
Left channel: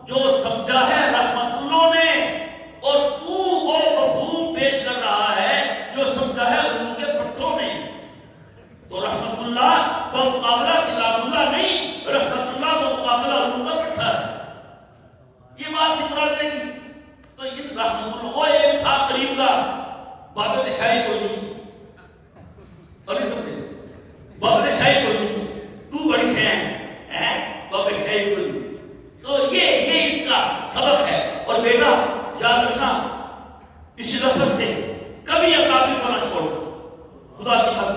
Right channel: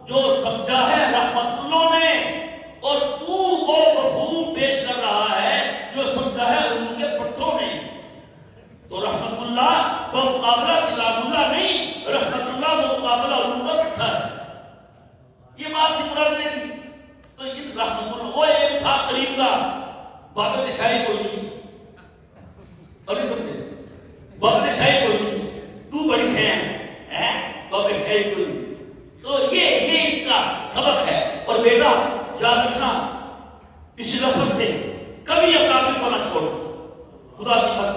جو سمجھا ہے رحمت اللہ نے، اور تو وہ مفہوم پیش کر رہا ہے جو سمجھا ہے ان کے پٹھوں نے. تو رحمت اللہ بمقابلہ کتاب اللہ نہیں، رحمت اللہ بمقابلہ ان کا پٹھا ہے. یہ بات تھی مناظرے کی. تو ان رحمت اللہ وہ ایک تھا قریب کا، بابت شاہی کوئی نہیں، اور نہیں سمجھے بابت شاہی کوئی نہیں، تو بڑی شے ہے بابت شاہی کوئی نہیں. تو یہ اس کا سبق ہے. اور بیٹا یاد رکھنا اس لفظ سے کبھی اپنا کو نہ چھوڑو. خدا کی قسم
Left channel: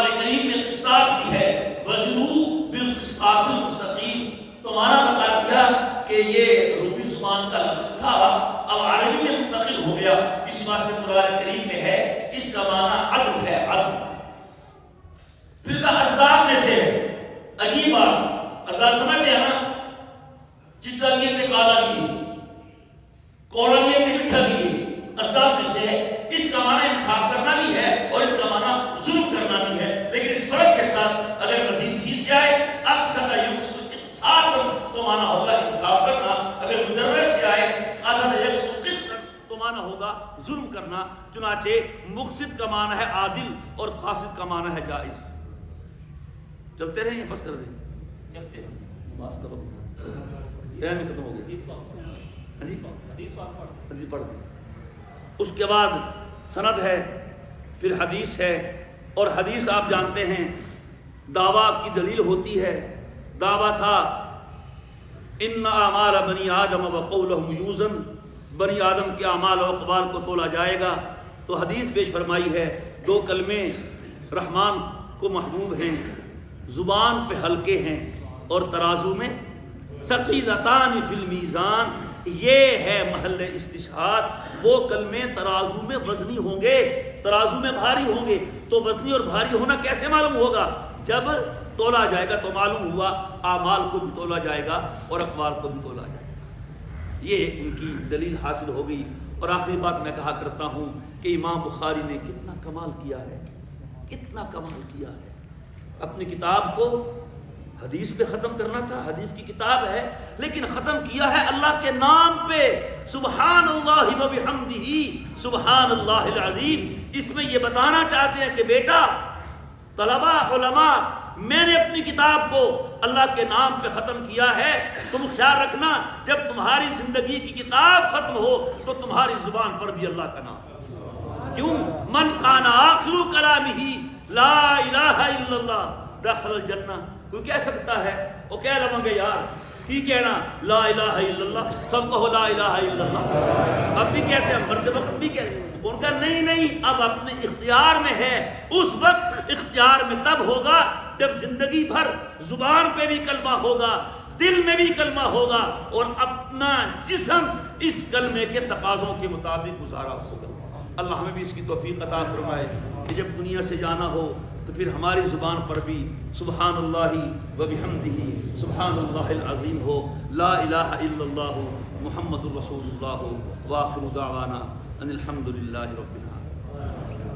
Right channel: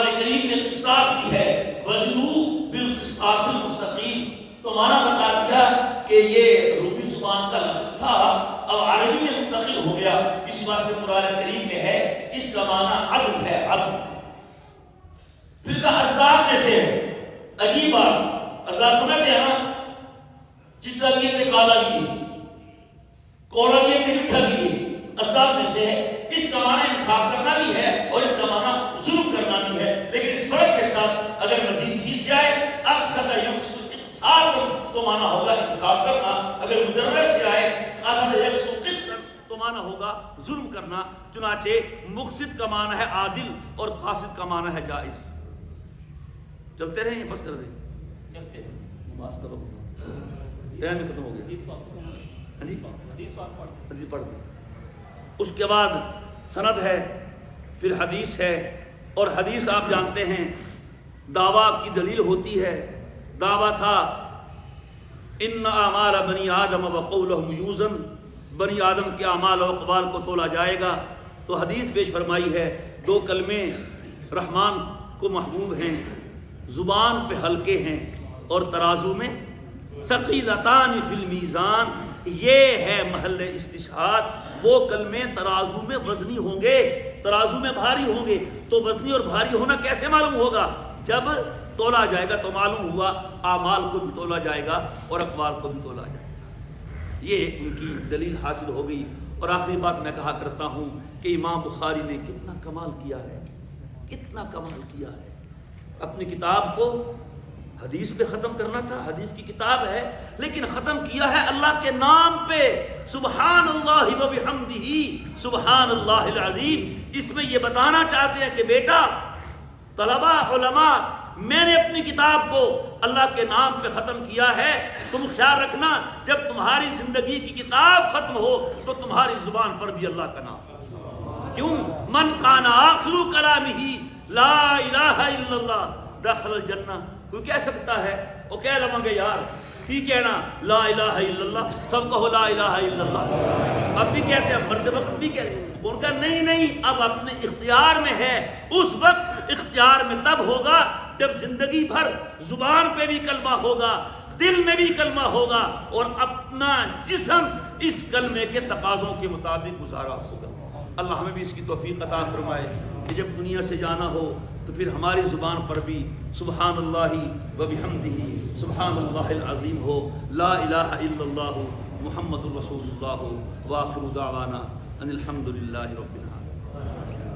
قرآن کریم نے قسطاس کی ہے، وزنوا بالقسطاس المستقیم، تو معنی بتا دیا کہ یہ رومی زبان کا لفظ تھا، اب عربی میں منتقل ہو گیا، اس واسطے قرآن کریم میں ہے، اس کا معنی عدل ہے، عدل۔ پھر کہا اسباب میں سے عجیب بات، اسباب سمجھتے ہیں نا، چٹا لیے تھے کالا لیے، کوڑا لیے تھے مٹھا لیے، اسباب میں سے ہے۔ اس کا معنی انصاف کرنا بھی ہے اور اس کا معنی ظلم کرنا بھی ہے، لیکن اس فرق کے ساتھ اگر مزید فی سے آئے اقصد یقصد اقصاد تو معنی ہوگا انصاف کرنا، اگر مدرس سے آئے قصد یقصد قسط تو معنی ہوگا ظلم کرنا۔ چنانچہ مقصد کا معنی ہے عادل اور قاصد کا معنی ہے جائز۔ چلتے رہیں بس کر دیں، چلتے ہیں، نماز کا وقت ٹائم ختم ہو گیا، حدیث پڑھ دیں۔ اس کے بعد سند ہے، پھر حدیث ہے، اور حدیث آپ جانتے ہیں دعویٰ کی دلیل ہوتی ہے۔ دعویٰ تھا ان اعمال بنی آدم وقولہم یوزن، بنی آدم کے اعمال و اقوال کو تولا جائے گا، تو حدیث پیش فرمائی ہے، دو کلمے رحمان کو محبوب ہیں، زبان پہ ہلکے ہیں اور ترازو میں ثقیلتان فی المیزان، یہ ہے محل استشہاد، وہ کلمے ترازو میں وزنی ہوں گے، ترازو میں بھاری ہوں گے۔ تو وزنی اور بھاری ہونا کیسے معلوم ہوگا؟ جب تولا جائے گا تو معلوم ہوا اعمال کو بھی تولا جائے گا اور اقوال کو بھی تولا جائے گا۔ یہ ان کی دلیل حاصل ہو گئی۔ اور آخری بات میں کہا کرتا ہوں کہ امام بخاری نے کتنا کمال کیا ہے، کتنا کمال کیا ہے۔ اپنی کتاب کو حدیث پہ ختم کرنا تھا، حدیث کی کتاب ہے، لیکن ختم کیا ہے اللہ کے نام پہ، سبحان اللہ و بحمدہ سبحان اللہ العظیم۔ اس میں یہ بتانا چاہتے ہیں کہ بیٹا، طلباء، علماء، میں نے اپنی کتاب کو اللہ کے نام پہ ختم کیا ہے، تم خیال رکھنا جب تمہاری زندگی کی کتاب ختم ہو تو تمہاری زبان پر بھی اللہ کا نام۔ کیوں؟ من کان آخر کلامہ لا الہ الا اللہ دخل الجنہ۔ کوئی کہہ سکتا ہے، وہ کہہ لوں گے یار کی کہنا لا الہ الا اللہ، سب کہو لا الہ الا اللہ، اب بھی کہتے ہیں، مرتے وقت بھی کہتے ہیں۔ ان کا نہیں، اب اپنے اختیار میں ہے، اس وقت اختیار میں تب ہوگا جب زندگی بھر زبان پہ بھی کلمہ ہوگا، دل میں بھی کلمہ ہوگا، اور اپنا جسم اس کلمے کے تقاضوں کے مطابق گزارا ہوگا۔ اللہ ہمیں بھی اس کی توفیق عطا فرمائے کہ جب دنیا سے جانا ہو تو پھر ہماری زبان پر بھی سبحان اللہ و بحمدہ سبحان اللہ العظیم ہو، لا الہ الا اللہ محمد الرسول اللہ، وآخر دعوانا ان الحمد للہ رب العالمین۔